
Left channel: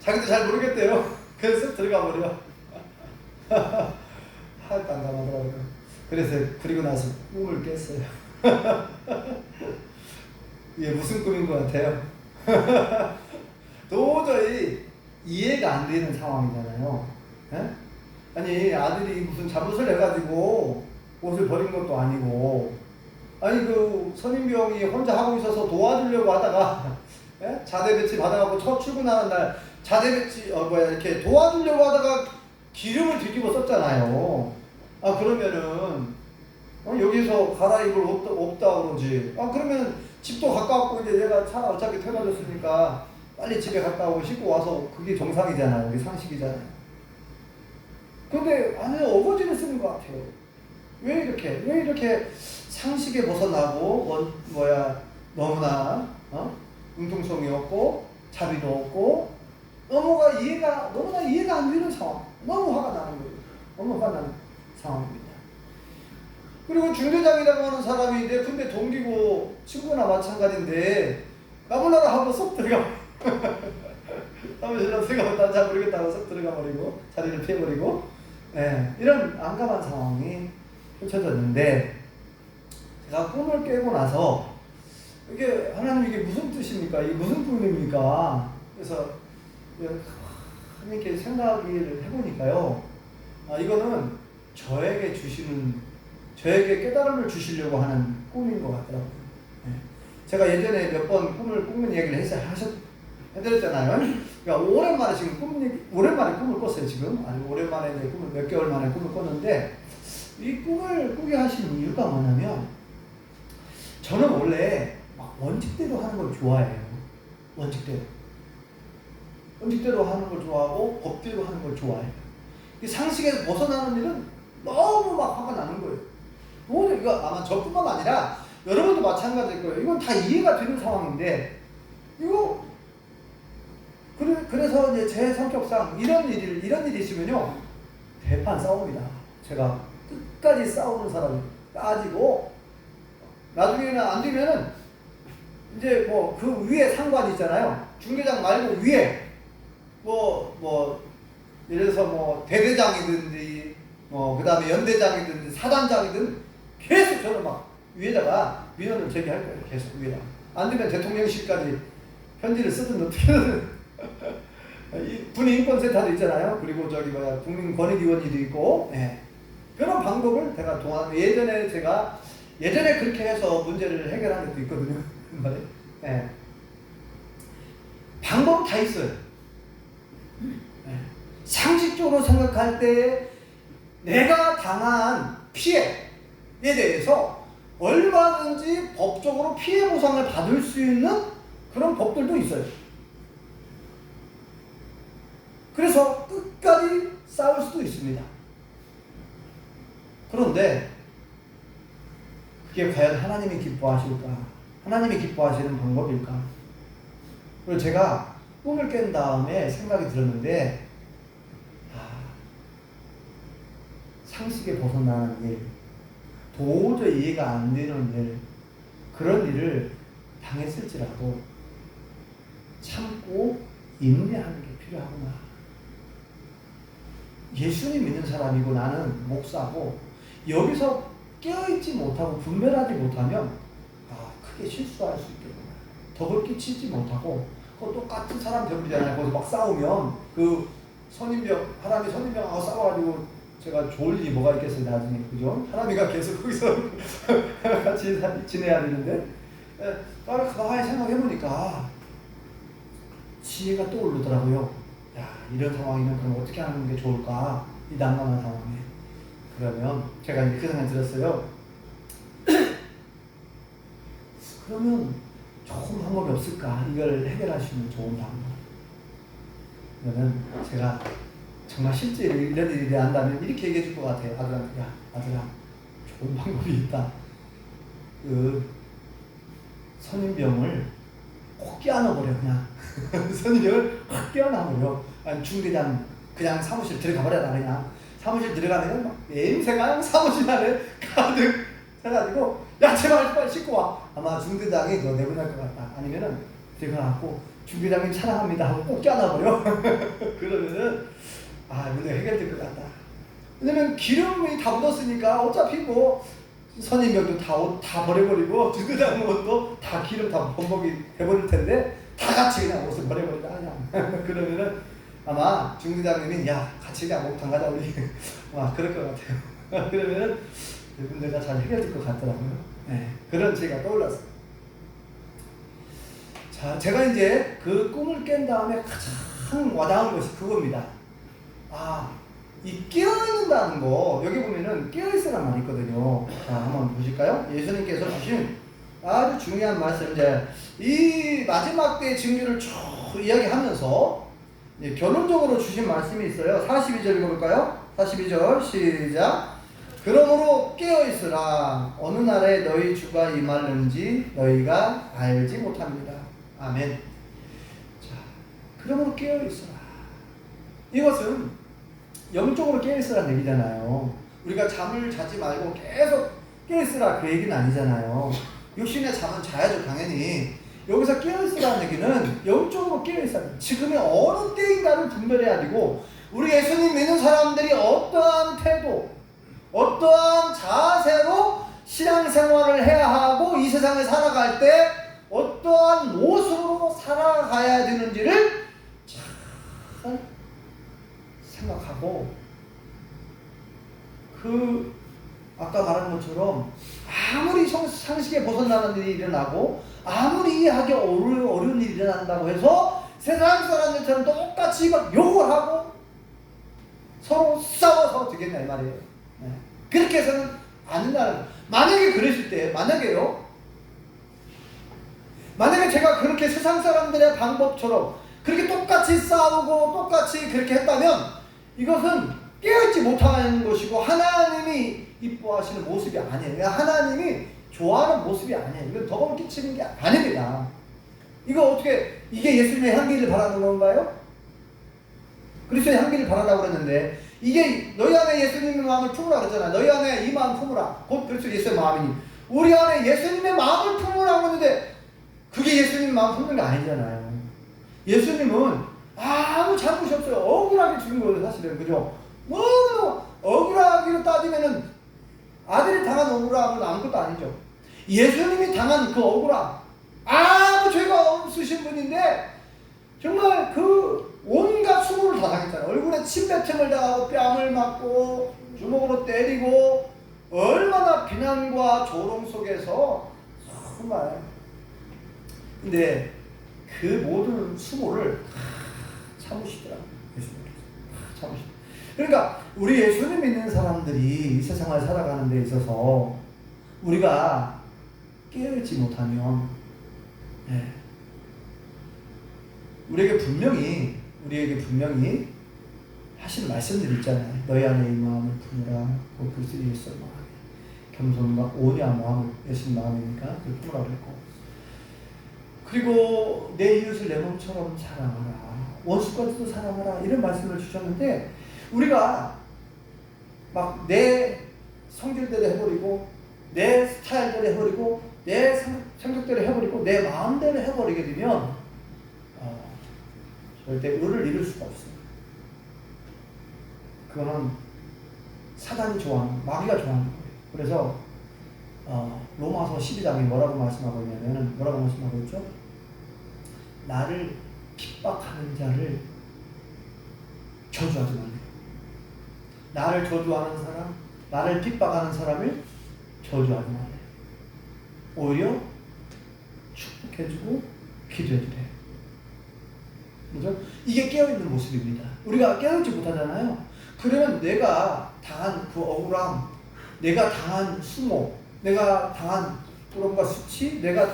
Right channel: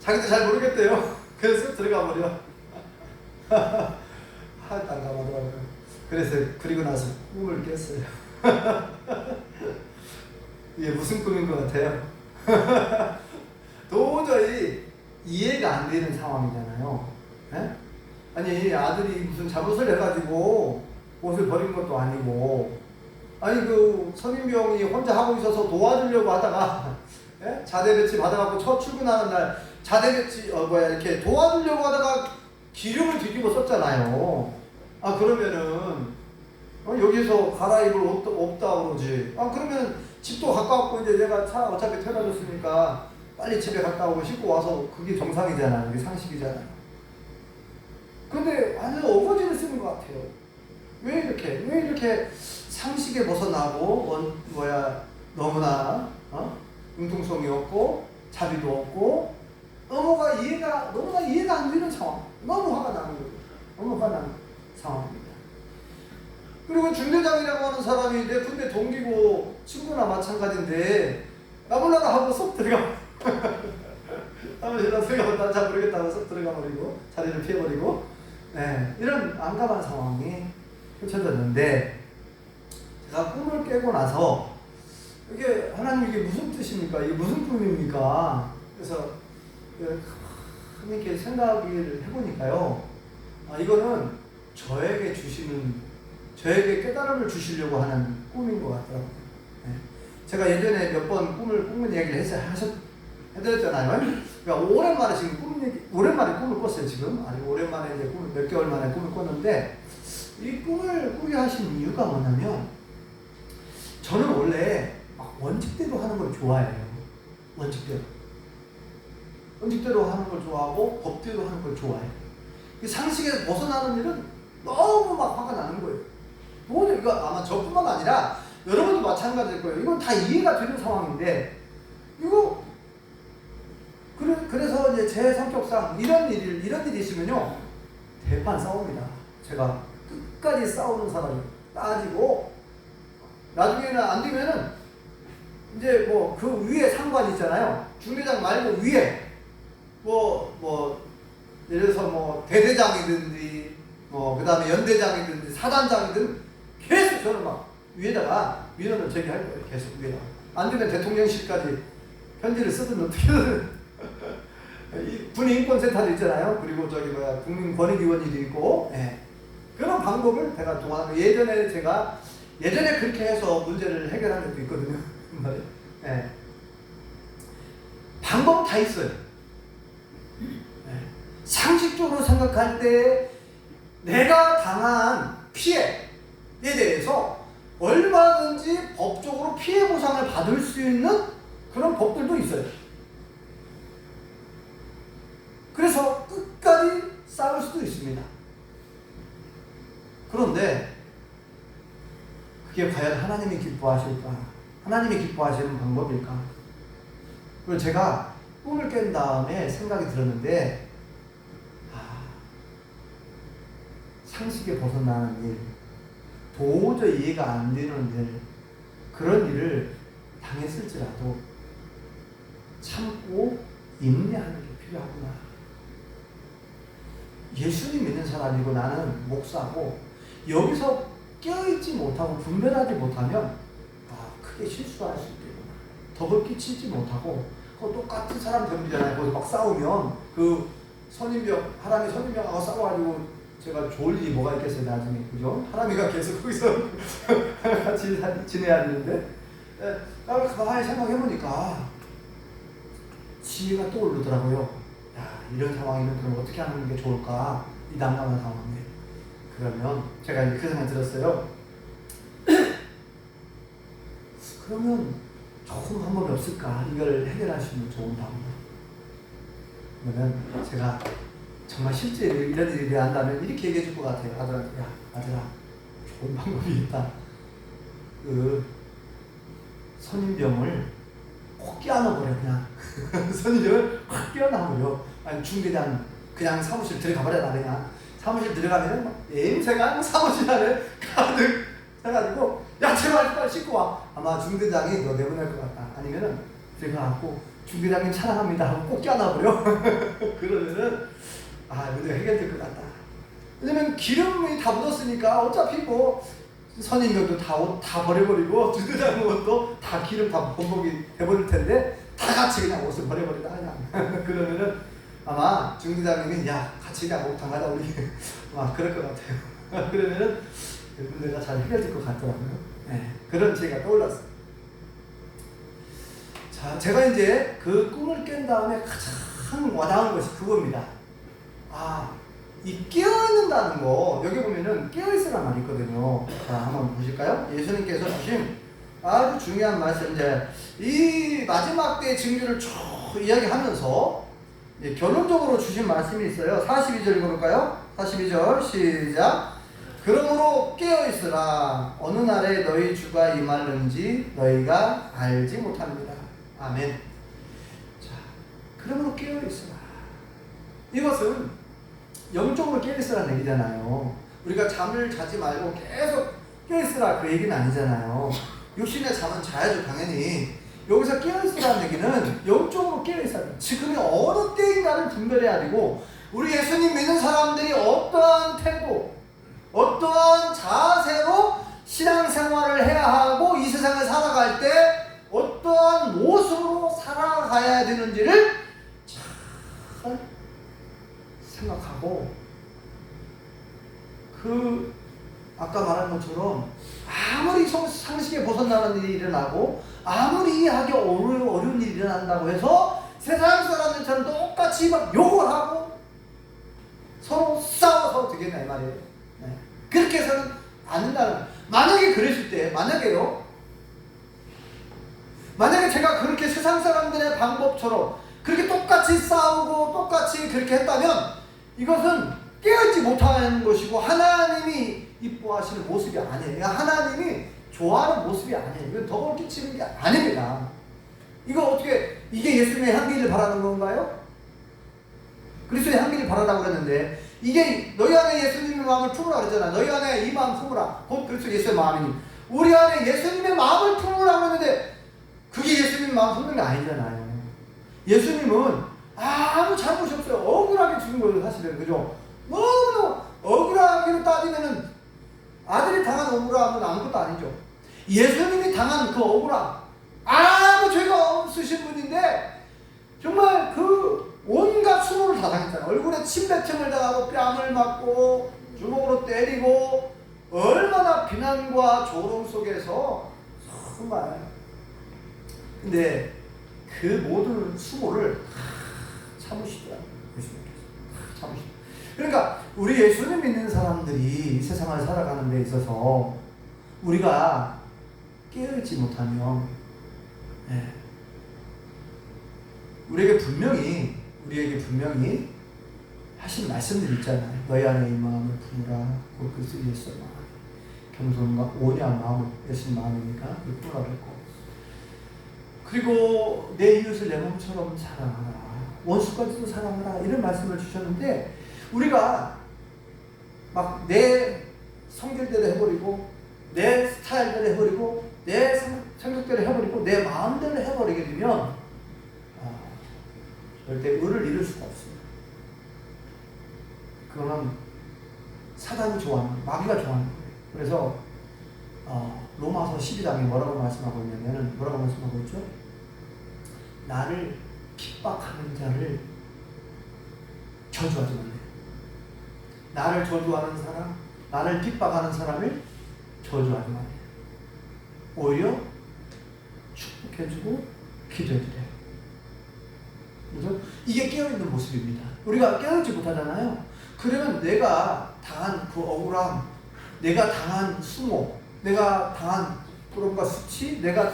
자기도 잘 모르겠대요. 그래서 들어가 버려. 하여튼 안 가보더라고요. 그래서 그리고 나서 꿈을 깼어요. 이게 무슨 꿈인 것 같아요? 도저히 이해가 안 되는 상황이잖아요. 네? 아니, 아들이 무슨 잘못을 해가지고 옷을 버린 것도 아니고, 아니, 그 선임병이 혼자 하고 있어서 도와주려고 하다가, 예? 자대 배치 받아갖고 첫 출근하는 날, 자대 배치, 이렇게 도와주려고 하다가 기름을 뒤집어 썼잖아요. 아, 그러면은, 여기서 갈아입을 옷도 없다 그러지. 아, 그러면 집도 가까웠고, 이제 내가 차 어차피 태워줬으니까 빨리 집에 갔다 오고 씻고 와서 그게 정상이잖아요. 그게 상식이잖아요. 근데 아니 어거지를 쓰는 것 같아요. 왜 이렇게 상식에 벗어나고 너무나 융통성이 없고 자비도 없고 너무나 이해가 안 되는 상황. 너무 화가 나는 거예요. 너무 화나는 상황입니다. 그리고 중대장이라고 하는 사람이 내 군대 동기고 친구나 마찬가지인데 까불라라 하고 쏙 들어가. 사무실로 들어가면 난 잘 모르겠다고 쏙 들어가 버리고 자리를 피해버리고, 네, 이런 난감한 상황이 펼쳐졌는데 제가 꿈을 깨고 나서 이게 하나님 이게 무슨 뜻입니까? 이게 무슨 꿈입니까? 그래서 하나님께 생각을 해보니까요, 이거는 저에게 깨달음을 주시려고 하는 꿈인 것 같아요. 네. 제가 예전에 몇 번 꿈을 꾸는 얘기를 해드렸잖아요. 그러니까 오랜만에 꿈을 꿨어요, 지금. 아니, 오랜만에 이제 몇 개월 만에 꿈을 꿨는데, 이 꿈을 꾸게 하신 이유가 뭐냐면, 저는 원래 막 원칙대로 하는 걸 좋아해요. 원칙대로 하는 걸 좋아하고, 법대로 하는 걸 좋아해요. 이 상식에서 벗어나는 일은 너무 막 화가 나는 거예요. 이거 아마 저뿐만 아니라 여러분도 마찬가지일 거예요. 이건 다 이해가 되는 상황인데, 그래서 이제 제 성격상 이런 일이 있으면요, 대판 싸웁니다. 제가 끝까지 싸우는 사람이 따지고, 나중에는 안 되면은, 이제 그 위에 상관 있잖아요. 중대장 말고 위에, 예를 들어서 대대장이든지, 그 다음에 연대장이든지, 사단장이든, 계속 저는 막 위에다가 민원을 제기할 거예요. 계속 위에다가. 안 되면 대통령실까지 편지를 쓰든 어떻게든. 군인인권센터도 있잖아요. 그리고 국민권익위원회도 있고, 예. 그런 방법을 제가 예전에 그렇게 해서 문제를 해결한 적도 있거든요. 예. 방법 다 있어요. 예. 상식적으로 생각할 때 내가 당한 피해에 대해서 얼마든지 법적으로 피해 보상을 받을 수 있는 그런 법들도 있어요. 그래서 끝까지 싸울 수도 있습니다. 그런데 그게 과연 하나님이 기뻐하실까? 하나님이 기뻐하시는 방법일까? 그걸 제가 꿈을 깬 다음에 생각이 들었는데, 상식에 벗어나는 일, 도저히 이해가 안 되는 일, 그런 일을 당했을지라도 참고 인내하는 게 필요하구나. 예수님 믿는 사람이고 나는 목사고, 여기서 깨어있지 못하고 분별하지 못하면 크게 실수할 수 있겠구나. 덕을 끼치지 못하고, 똑같은 사람 병이잖아요. 거기서 막 싸우면 그 선임병, 하람이 선임병하고 싸워가지고 제가 좋을 일이 뭐가 있겠어요, 나중에. 그죠? 하람이가 계속 거기서 같이 지내야 되는데, 나를 가만히 생각해보니까 지혜가 떠오르더라고요. 야, 이런 상황이면 그럼 어떻게 하는 게 좋을까? 이 난감한 상황에. 그러면 제가 이제 그 생각 들었어요. 그러면 좋은 방법이 없을까? 이걸 해결할 수 있는 좋은 방법. 그러면 제가 정말 실제 이런 일이 한다면 이렇게 얘기해 줄 것 같아요. 아들한테, 야, 아들아, 좋은 방법이 있다. 그 선임병을 꼭 껴안아버려, 그냥. 선임병을 확 껴안아버려. 아니, 중대장 그냥 사무실 들어가버려라, 그냥. 사무실 들어가면 냄새가 사무실 안에 가득 해가지고, 야, 제발 빨리 씻고 와. 아마 중대장이 너 내보낼 것 같다. 아니면은 들어가갖고 중대장님 사랑합니다 하고 꼭 껴안아버려. 그러면은 문제 해결될 것 같다. 왜냐면 기름이 다 묻었으니까 어차피 뭐 선임병도 다 버려버리고 중대장 것도 다 기름 다 범벅이 돼버릴 텐데 다 같이 그냥 옷을 버려버리자 그냥. 그러면은 아마 중대장님이 야 같이 그냥 목욕탕 가자 우리. 그럴 것 같아요. 그러면은 문제가 잘 해결될 것 같더라고요. 네, 그런 제가 떠올랐어요. 자, 제가 이제 그 꿈을 깬 다음에 가장 와닿은 것이 그겁니다. 이 깨어있는다는 거, 여기 보면은 깨어있으란 말이 있거든요. 자, 한번 보실까요? 예수님께서 주신 아주 중요한 말씀인데, 이 마지막 때의 증거를 쭉 이야기하면서, 결론적으로 주신 말씀이 있어요. 42절 읽어볼까요? 42절, 시작. 그러므로 깨어있으라. 어느 날에 너희 주가 임하는지 너희가 알지 못합니다. 아멘. 자, 그러므로 깨어있으라. 이것은 영적으로 깨어있으라는 얘기잖아요. 우리가 잠을 자지 말고 계속 깨어있으라 그 얘기는 아니잖아요. 육신의 잠은 자야죠, 당연히. 여기서 깨어있으라는 얘기는 영적으로 깨어있으라. 지금의 어느 때인가를 분별해야 되고, 우리 예수님 믿는 사람들이 어떠한 태도, 어떠한 자세로 신앙생활을 해야 하고 이 세상을 살아갈 때 어떠한 모습으로 살아가야 되는지를 잘 생각하고, 아까 말한 것처럼 아무리 상식에 벗어나는 일이 일어나고 아무리 이해하기 어려운 일이 일어난다고 해서 세상 사람들처럼 똑같이 막 욕을 하고 서로 싸워서 되겠나 이 말이에요. 네. 그렇게 해서는 안 된다는. 만약에 그랬을 때, 만약에 제가 그렇게 세상 사람들의 방법처럼 그렇게 똑같이 싸우고 똑같이 그렇게 했다면 이것은 깨어있지 못하는 것이고 하나님이 이뻐하시는 모습이 아니에요. 하나님이 좋아하는 모습이 아니에요. 이건 덕을 끼치는 게 아닙니다. 이거 어떻게, 이게 예수님의 향기를 바라는 건가요? 그리스도의 향기를 바라라고 그랬는데, 이게 너희 안에 예수님의 마음을 품으라 그랬잖아요. 너희 안에 이 마음 품으라. 곧 그리스도 예수의 마음이니. 우리 안에 예수님의 마음을 품으라고 했는데 그게 예수님의 마음 품는 게 아니잖아요. 예수님은 아무 잘못이 없어요. 억울하게 죽은 거예요, 사실은. 그죠? 너무 억울하게 따지면은 아들이 당한 억울함은 아무것도 아니죠. 예수님이 당한 그 억울함, 아무 죄가 없으신 분인데 정말 그 온갖 수모를 다 당했잖아요. 얼굴에 침뱉음을 당하고 뺨을 맞고 주먹으로 때리고 얼마나 비난과 조롱 속에서 정말. 근데 그 모든 수모를 참으시더라고요. 참으시더라고요. 그러니까 우리 예수님 믿는 사람들이 이 세상을 살아가는 데 있어서 우리가 깨어있지 못하면 우리에게 분명히 하신 말씀들 있잖아요. 너희 안에 이 마음을 품으라. 그리스도 예수의 마음, 겸손과 온유한 마음을, 예수님 마음이니까 그 품으라고 했고, 그리고 내 이웃을 내 몸처럼 사랑하라. 원수까지도 사랑하라. 이런 말씀을 주셨는데 우리가 막 내 성질대로 해버리고 내 스타일대로 해버리고 내 성격대로 해버리고 내 마음대로 해버리게 되면 절대 의를 이룰 수가 없습니다. 그거는 사단이 좋아하는, 마귀가 좋아하는 거예요. 그래서 로마서 12장이 뭐라고 말씀하고 있냐면, 뭐라고 말씀하고 있죠? 나를 핍박하는 자를 저주하지 말래요. 나를 저주하는 사람, 나를 핍박하는 사람을 저주하지 말래요. 오히려 축복해주고 기도해주래요. 그죠? 이게 깨어있는 모습입니다. 우리가 깨어있지 못하잖아요. 그러면 내가 당한 그 억울함, 내가 당한 수모, 내가 당한 그런가 수치, 내가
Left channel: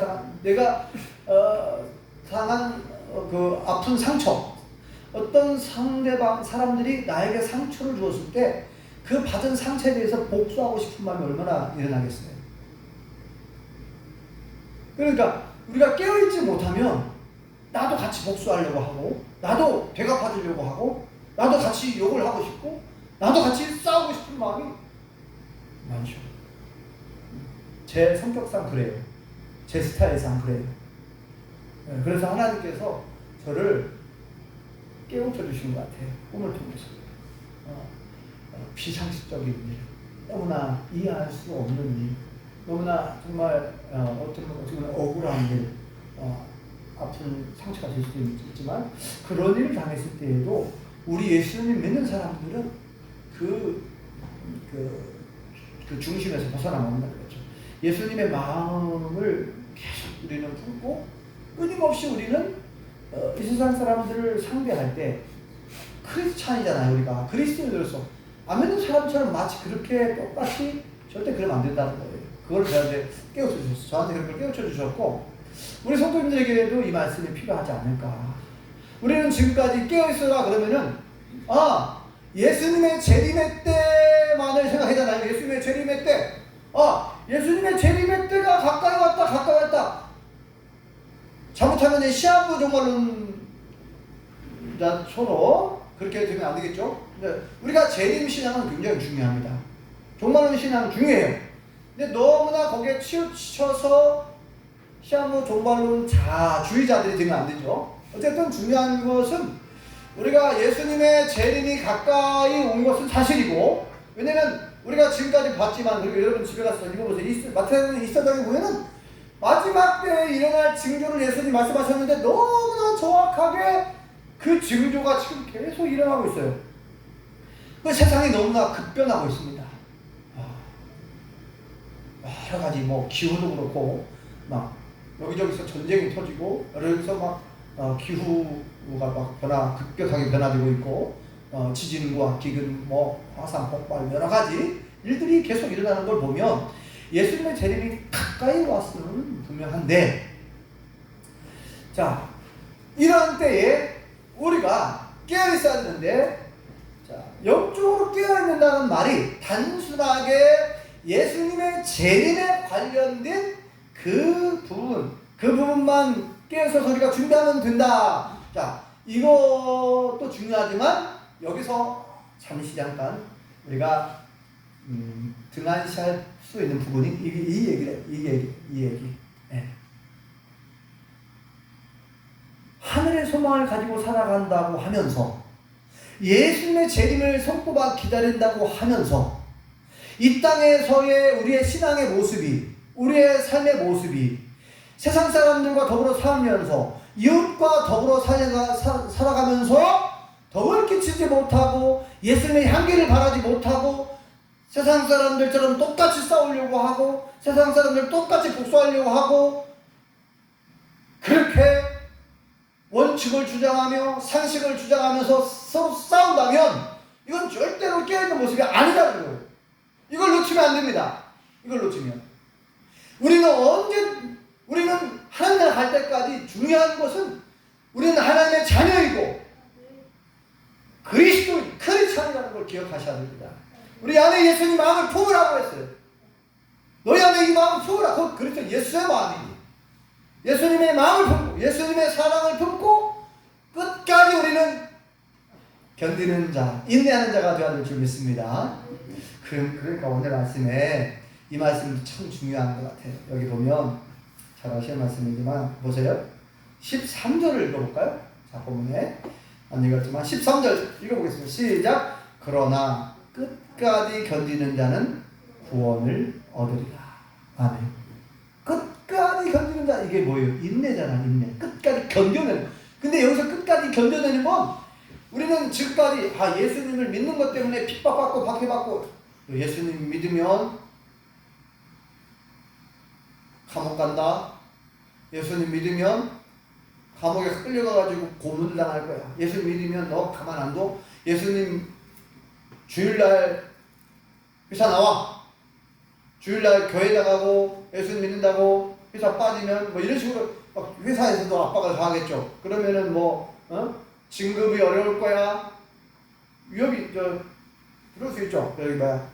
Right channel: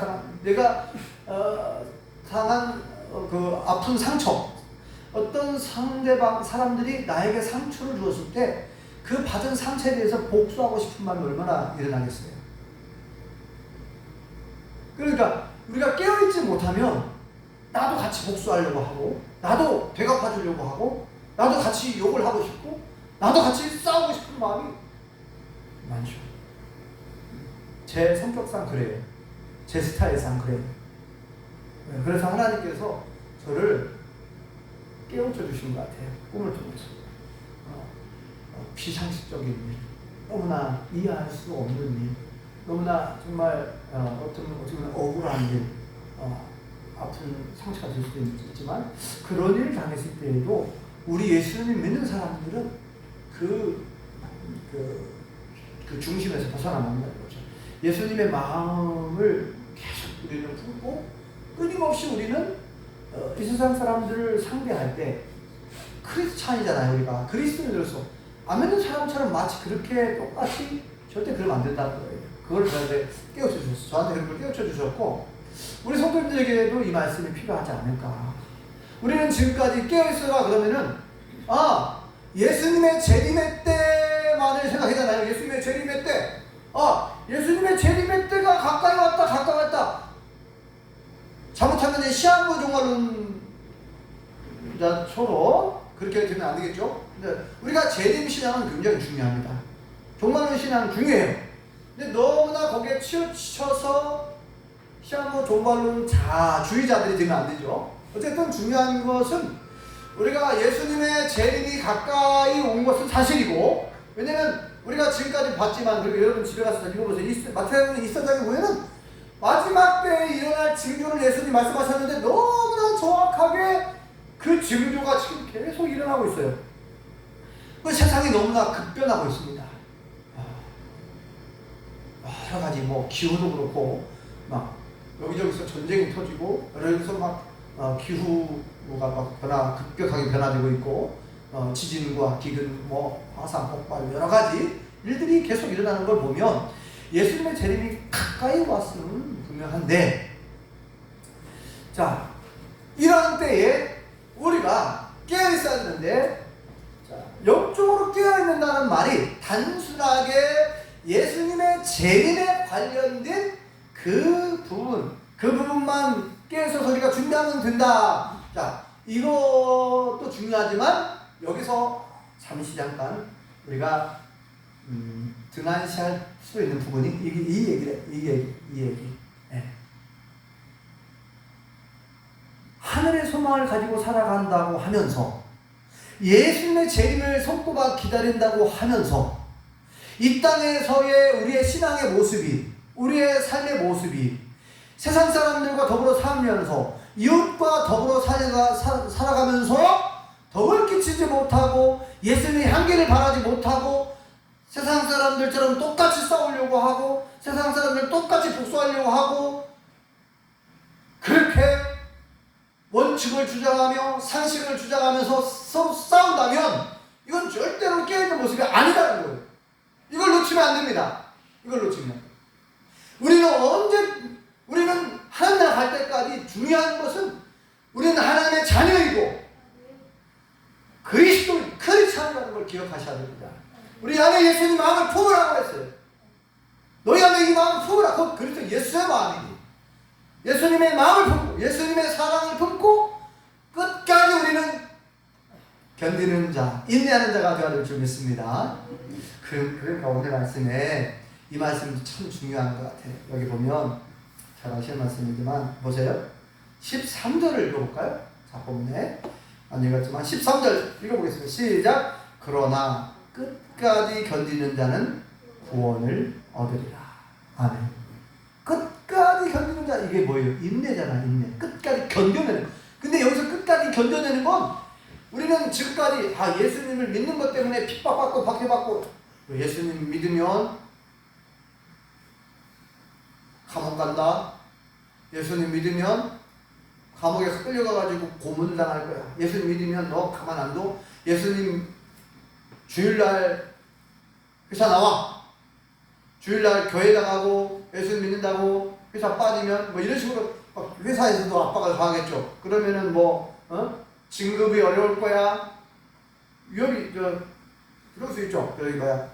당한 그 아픈 상처, 어떤 상대방 사람들이 나에게 상처를 주었을 때 그 받은 상처에 대해서 복수하고 싶은 마음이 얼마나 일어나겠어요. 그러니까 우리가 깨어있지 못하면 나도 같이 복수하려고 하고, 나도 되갚아주려고 하고, 나도 같이 욕을 하고 싶고, 나도 같이 싸우고 싶은 마음이 많죠. 제 성격상 그래요. 제 스타일상 그래요. 그래서 하나님께서 저를 깨우쳐 주신 것 같아요. 꿈을 통해서. 비상식적인 일, 너무나 이해할 수 없는 일, 너무나 정말 어떻게 보면 억울한 일, 아픈 상처가 될 수도 있지만 그런 일을 당했을 때에도 우리 예수님 믿는 사람들은 그 중심에서 벗어나는 거죠. 예수님의 마음을 계속 우리는 품고 끊임없이 우리는 이 세상 사람들을 상대할 때 크리스찬이잖아요. 우리가 그리스도인으로서 안 믿는 사람처럼 마치 그렇게 똑같이 절대 그러면 안 된다는 거예요. 그걸 저한테 깨우쳐 주셨어요. 저한테 그걸 깨우쳐 주셨고 우리 성도님들에게도 이 말씀이 필요하지 않을까. 우리는 지금까지 깨어있어라 그러면은 예수님의 재림의 때만을 생각하잖아요. 예수님의 재림의 때. 예수님의 재림의 때가 가까이 왔다. 잘못하면 이제 시한부 종말론자처럼 그렇게 되면 안 되겠죠? 근데 우리가 재림 신앙은 굉장히 중요합니다. 종말론 신앙은 중요해요. 근데 너무나 거기에 치우쳐서 시한부 종말론 주의자들이 되면 안 되죠. 어쨌든 중요한 것은 우리가 예수님의 재림이 가까이 온 것은 사실이고, 왜냐면 우리가 지금까지 봤지만, 그리고 여러분 집에 가서 읽어보세요. 마태복음 1장에 보면은 마지막 때에 일어날 징조를 예수님이 말씀하셨는데 너무나 정확하게 그 징조가 지금 계속 일어나고 있어요. 그 세상이 너무나 급변하고 있습니다. 여러 가지 기후도 그렇고 막 여기저기서 전쟁이 터지고 여기서 막 기후가 급격하게 변화되고 있고 지진과 기근, 화산 폭발 여러 가지 일들이 계속 일어나는 걸 보면 예수님의 재림이 가까이 왔으면 분명한데, 자, 이런 때에 우리가 깨어 있어야 되는데, 영적으로 깨어 있는다는 말이 단순하게 예수님의 재림에 관련된 그 부분만 깨어서 우리가 준비하면 된다. 자, 이것도 중요하지만 여기서 잠깐 우리가 등한시할 수 있는 부분이 이 얘기. 네. 하늘의 소망을 가지고 살아간다고 하면서 예수님의 재림을 손꼽아 기다린다고 하면서 이 땅에서의 우리의 신앙의 모습이, 우리의 삶의 모습이 세상 사람들과 더불어 살면서 이웃과 더불어 살아가면서 덕을 끼치지 못하고 예수님의 향기를 바라지 못하고 세상 사람들처럼 똑같이 싸우려고 하고 세상 사람들 똑같이 복수하려고 하고 그렇게 원칙을 주장하며 상식을 주장하면서 서로 싸운다면 이건 절대로 깨어있는 모습이 아니다는 거예요. 이걸 놓치면 안 됩니다. 이걸 놓치면 우리는 하나님 나라 갈 때까지 중요한 것은 우리는 하나님의 자녀이고 그리스도인, 크리스찬이라는 걸 기억하셔야 됩니다. 우리 안에 예수님 마음을 품으라고 했어요. 너희 안에 이 마음을 품으라. 그건 그리스도 예수의 마음이지. 예수님의 마음을 품고 예수님의 사랑을 품고 끝까지 우리는 견디는 자, 인내하는 자가 되어야 될 줄 믿습니다. 그러니까 오늘 말씀에 이 말씀이 참 중요한 것 같아요. 여기 보면 잘 아시는 말씀이지만 보세요. 13절을 읽어볼까요? 자, 본문에 안 읽었지만 13절 읽어보겠습니다. 시작. 그러나 끝까지 견디는 자는 구원을 얻으리라. 아멘. 끝까지 견디는 자, 이게 뭐예요? 인내잖아, 인내. 끝까지 견뎌내는. 근데 여기서 끝까지 견뎌내는 건 우리는 믿는 즉까지 예수님을 믿는 것 때문에 핍박받고 박해받고 예수님 믿으면 감옥 간다. 예수님 믿으면 감옥에 끌려가가지고 고문 당할 거야. 예수님 믿으면 너 가만 안 둬. 예수님 주일날 회사 나와. 주일날 교회 나가고 예수님 믿는다고 회사 빠지면 뭐 이런 식으로 회사에서도 압박을 가하겠죠. 그러면은 진급이 어려울 거야. 위협이 그럴 수 있죠. 여기 봐요.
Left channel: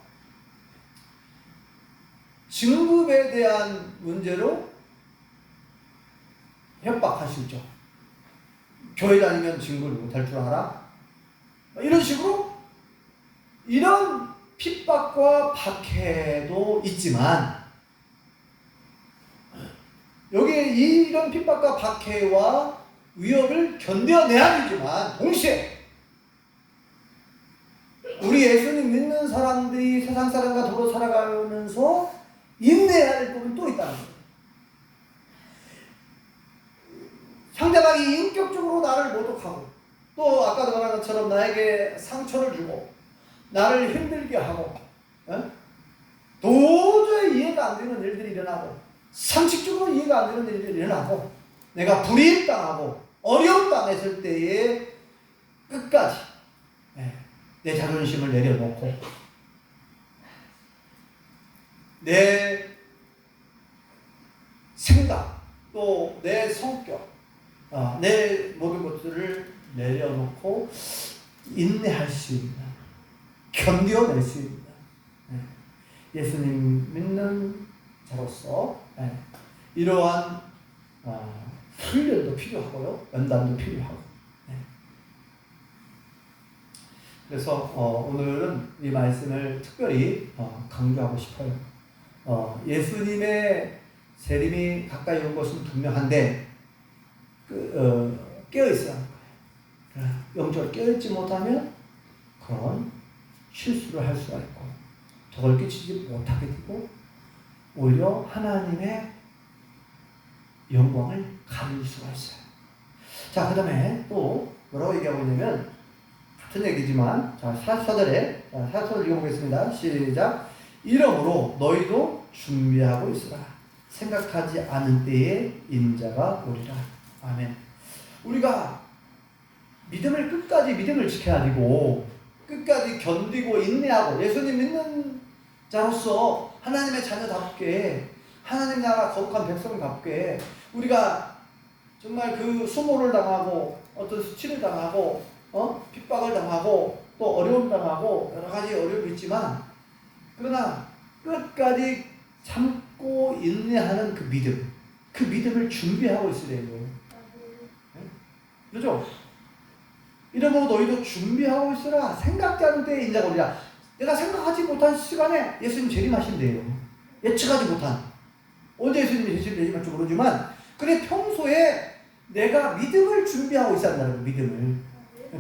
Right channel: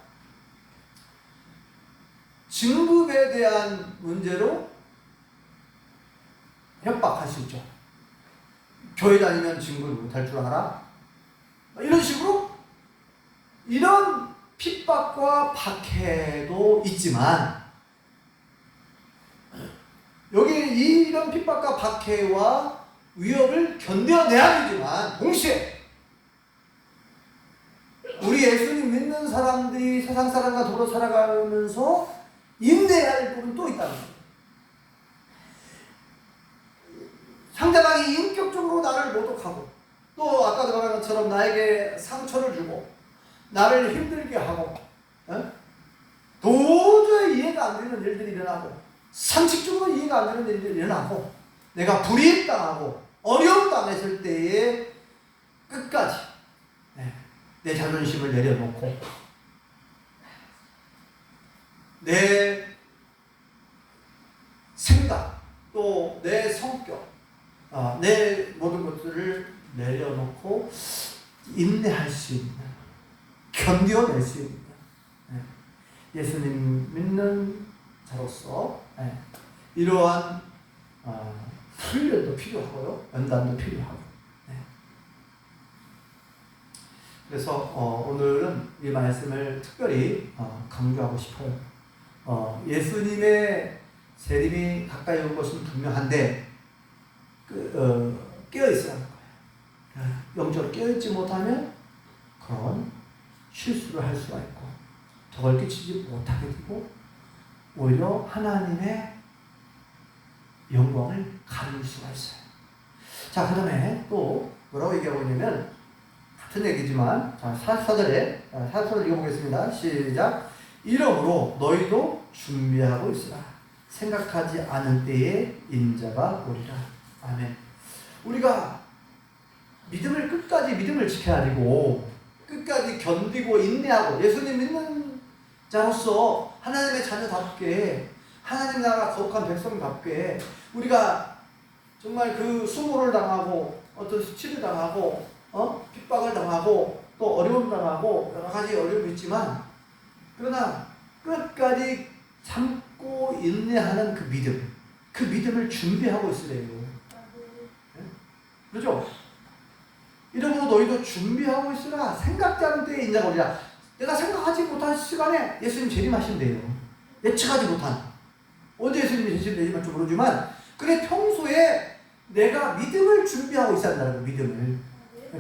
진급에 대한 문제로 협박할 수 있죠. 교회 다니면 진급을 못할 줄 알아? 이런 식으로 이런 핍박과 박해도 있지만 여기에 이런 핍박과 박해와 위협을 견뎌내야 되지만 동시에 우리 예수님 믿는 사람들이 세상 사람과 더불어 살아가면서 인내해야 할 부분이 또 있다는 거예요. 상대방이 인격적으로 나를 모독하고 또 아까도 말한 것처럼 나에게 상처를 주고 나를 힘들게 하고 도저히 이해가 안 되는 일들이 일어나고 상식적으로 이해가 안 되는 일들이 일어나고 내가 불이익당하고 어려움 당했을 때에 끝까지 내 자존심을 내려놓고 내 생각 또 내 성격 내 모든 것들을 내려놓고 인내할 수 있는 견뎌낼 수 있는 예수님 믿는 자로서 이러한 훈련도 필요하고요. 연단도 필요하고 그래서 오늘은 이 말씀을 특별히 강조하고 싶어요. 예수님의 재림이 가까이 온 것은 분명한데 깨어있어야 하는 거예요. 영적으로 깨어있지 못하면 그런 실수를 할 수가 있고 덕을 끼치지 못하게 되고 오히려 하나님의 영광을 가릴 수가 있어요. 자, 그 다음에 또 뭐라고 얘기하고 있냐면 같은 얘기지만 44절에 읽어보겠습니다. 시작. 이러므로 너희도 준비하고 있으라. 생각하지 않은 때에 인자가 오리라. 아멘. 우리가 믿음을 지켜야 되고 끝까지 견디고 인내하고 예수님 믿는 자로서 하나님의 자녀답게 하나님 나라 거룩한 백성답게 우리가 정말 그 수모를 당하고 어떤 수치를 당하고 핍박을 당하고 또 어려움 당하고 여러 가지 어려움이 있지만 그러나 끝까지 참고 인내하는 그 믿음을 준비하고 있으래요. 그렇죠? 이러므로 너희도 준비하고 있으라. 생각지 않은 때에 인자가 오리라. 내가 생각하지 못한 시간에 예수님 재림하신대요. 예측하지 못한. 언제 예수님이 재림하실지 모르지만 그래 평소에 내가 믿음을 준비하고 있어야 한다는 거예요. 믿음을.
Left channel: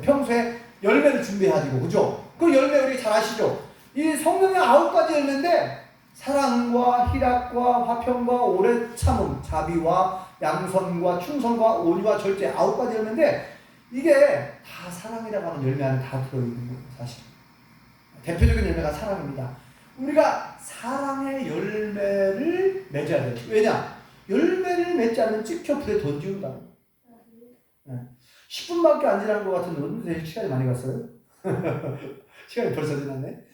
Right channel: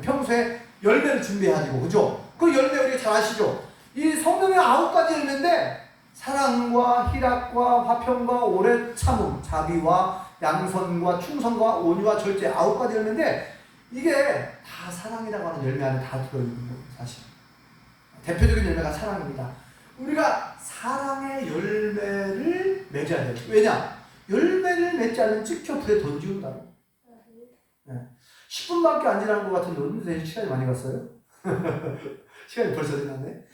평소에 열매를 준비해야 되고 그죠? 그 열매 우리 잘 아시죠? 이 성경의 9가지 열매인데 사랑과 희락과 화평과 오래 참음, 자비와 양선과 충성과 온유와 절제 9가지 열매인데 이게 다 사랑이라고 하는 열매 안에 다 들어있는 거예요. 사실 대표적인 열매가 사랑입니다. 우리가 사랑의 열매를 맺어야 돼요. 왜냐? 열매를 맺지 않으면 찍혀 불에 던지운다. 10분밖에 안 지난 것 같은데 오늘 시간이 많이 갔어요? 시간이 벌써 지났네.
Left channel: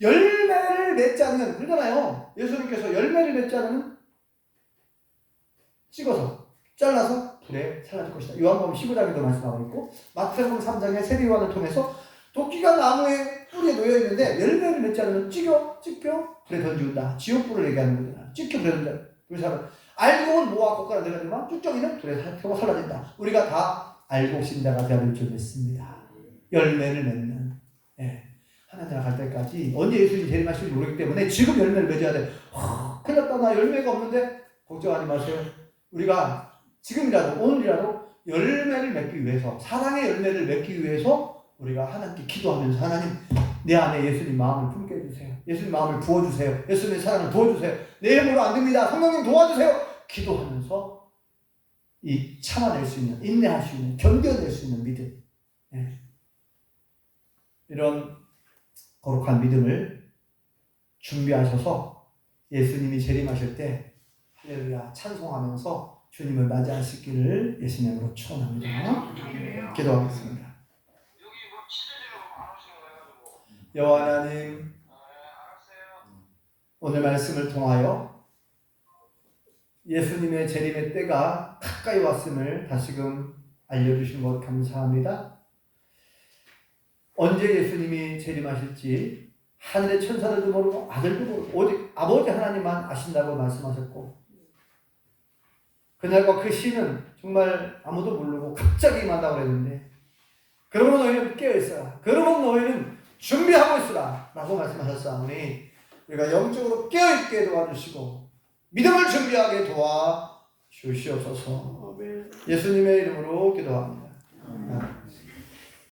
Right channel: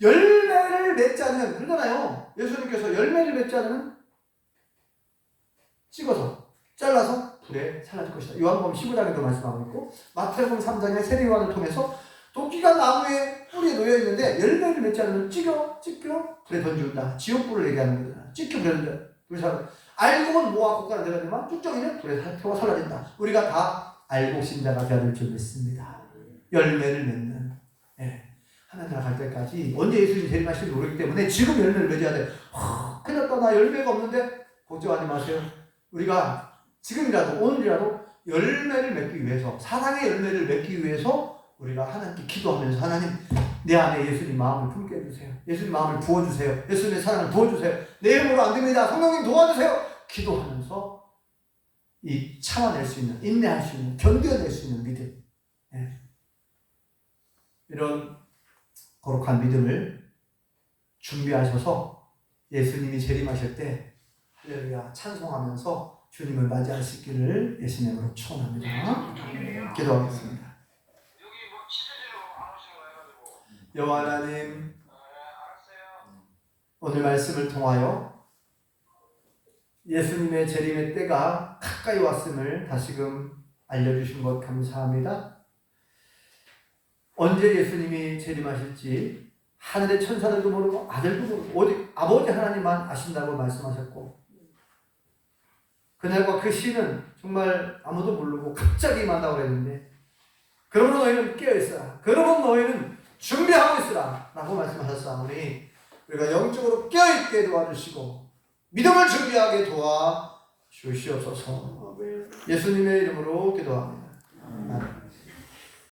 열매를 맺지 않으면 그러잖아요. 예수님께서 열매를 맺지 않으면 찍어서 잘라서 불에 살라질 것이다. 요한복음 15장에도 말씀하고 있고 마태복음 3장의 세리요한을 통해서 도끼가 나무에 뿌리에 놓여 있는데 열매를 맺지 않으면 찍혀 불에 던지운다. 지옥불을 얘기하는 거잖아. 찍혀 불에 던진다. 우리 사람 알고는 뭐와 고가가 되지만 쭉정이는 불에 태워 살라진다. 우리가 다 알고 신자가 되어야 될 줄 믿습니다. 열매를 맺는 하나님 나라 갈 때까지 언제 예수님이 재림하실지 모르기 때문에 지금 열매를 맺어야 돼. 큰일 났다. 나 열매가 없는데 걱정하지 마세요. 우리가 지금이라도 오늘이라도 열매를 맺기 위해서 사랑의 열매를 맺기 위해서 우리가 하나님께 기도하면서 하나님 내 안에 예수님 마음을 품게 해주세요. 예수님 마음을 부어주세요. 예수님의 사랑을 부어주세요. 내 힘으로 안 됩니다. 성령님 도와주세요. 기도하면서 이 참아낼 수 있는 인내할 수 있는 견뎌낼 수 있는 믿음 이런 거룩한 믿음을 준비하셔서 예수님이 재림하실 때 할렐루야 찬송하면서 주님을 맞이하시기를 예수님 이름으로 축원합니다. 기도하겠습니다. 여호와 하나님, 오늘 말씀을 통하여 예수님의 재림의 때가 가까이 왔음을 다시금 알려주신 것 감사합니다. 언제 예수님이 재림하실지 하늘의 천사들도 모르고 아들도 모르고 오직 아버지 하나님만 아신다고 말씀하셨고, 그날과 그 시는 정말 아무도 모르고 갑자기 임한다고 그랬는데, 그러면 너희는 깨어있어라, 그러면 너희는 준비하고 있으라 라고 말씀하셨사오니 우리가 영적으로 깨어있게 도와주시고 믿음을 준비하게 도와주시옵소서. 예수님의 이름으로 기도합니다.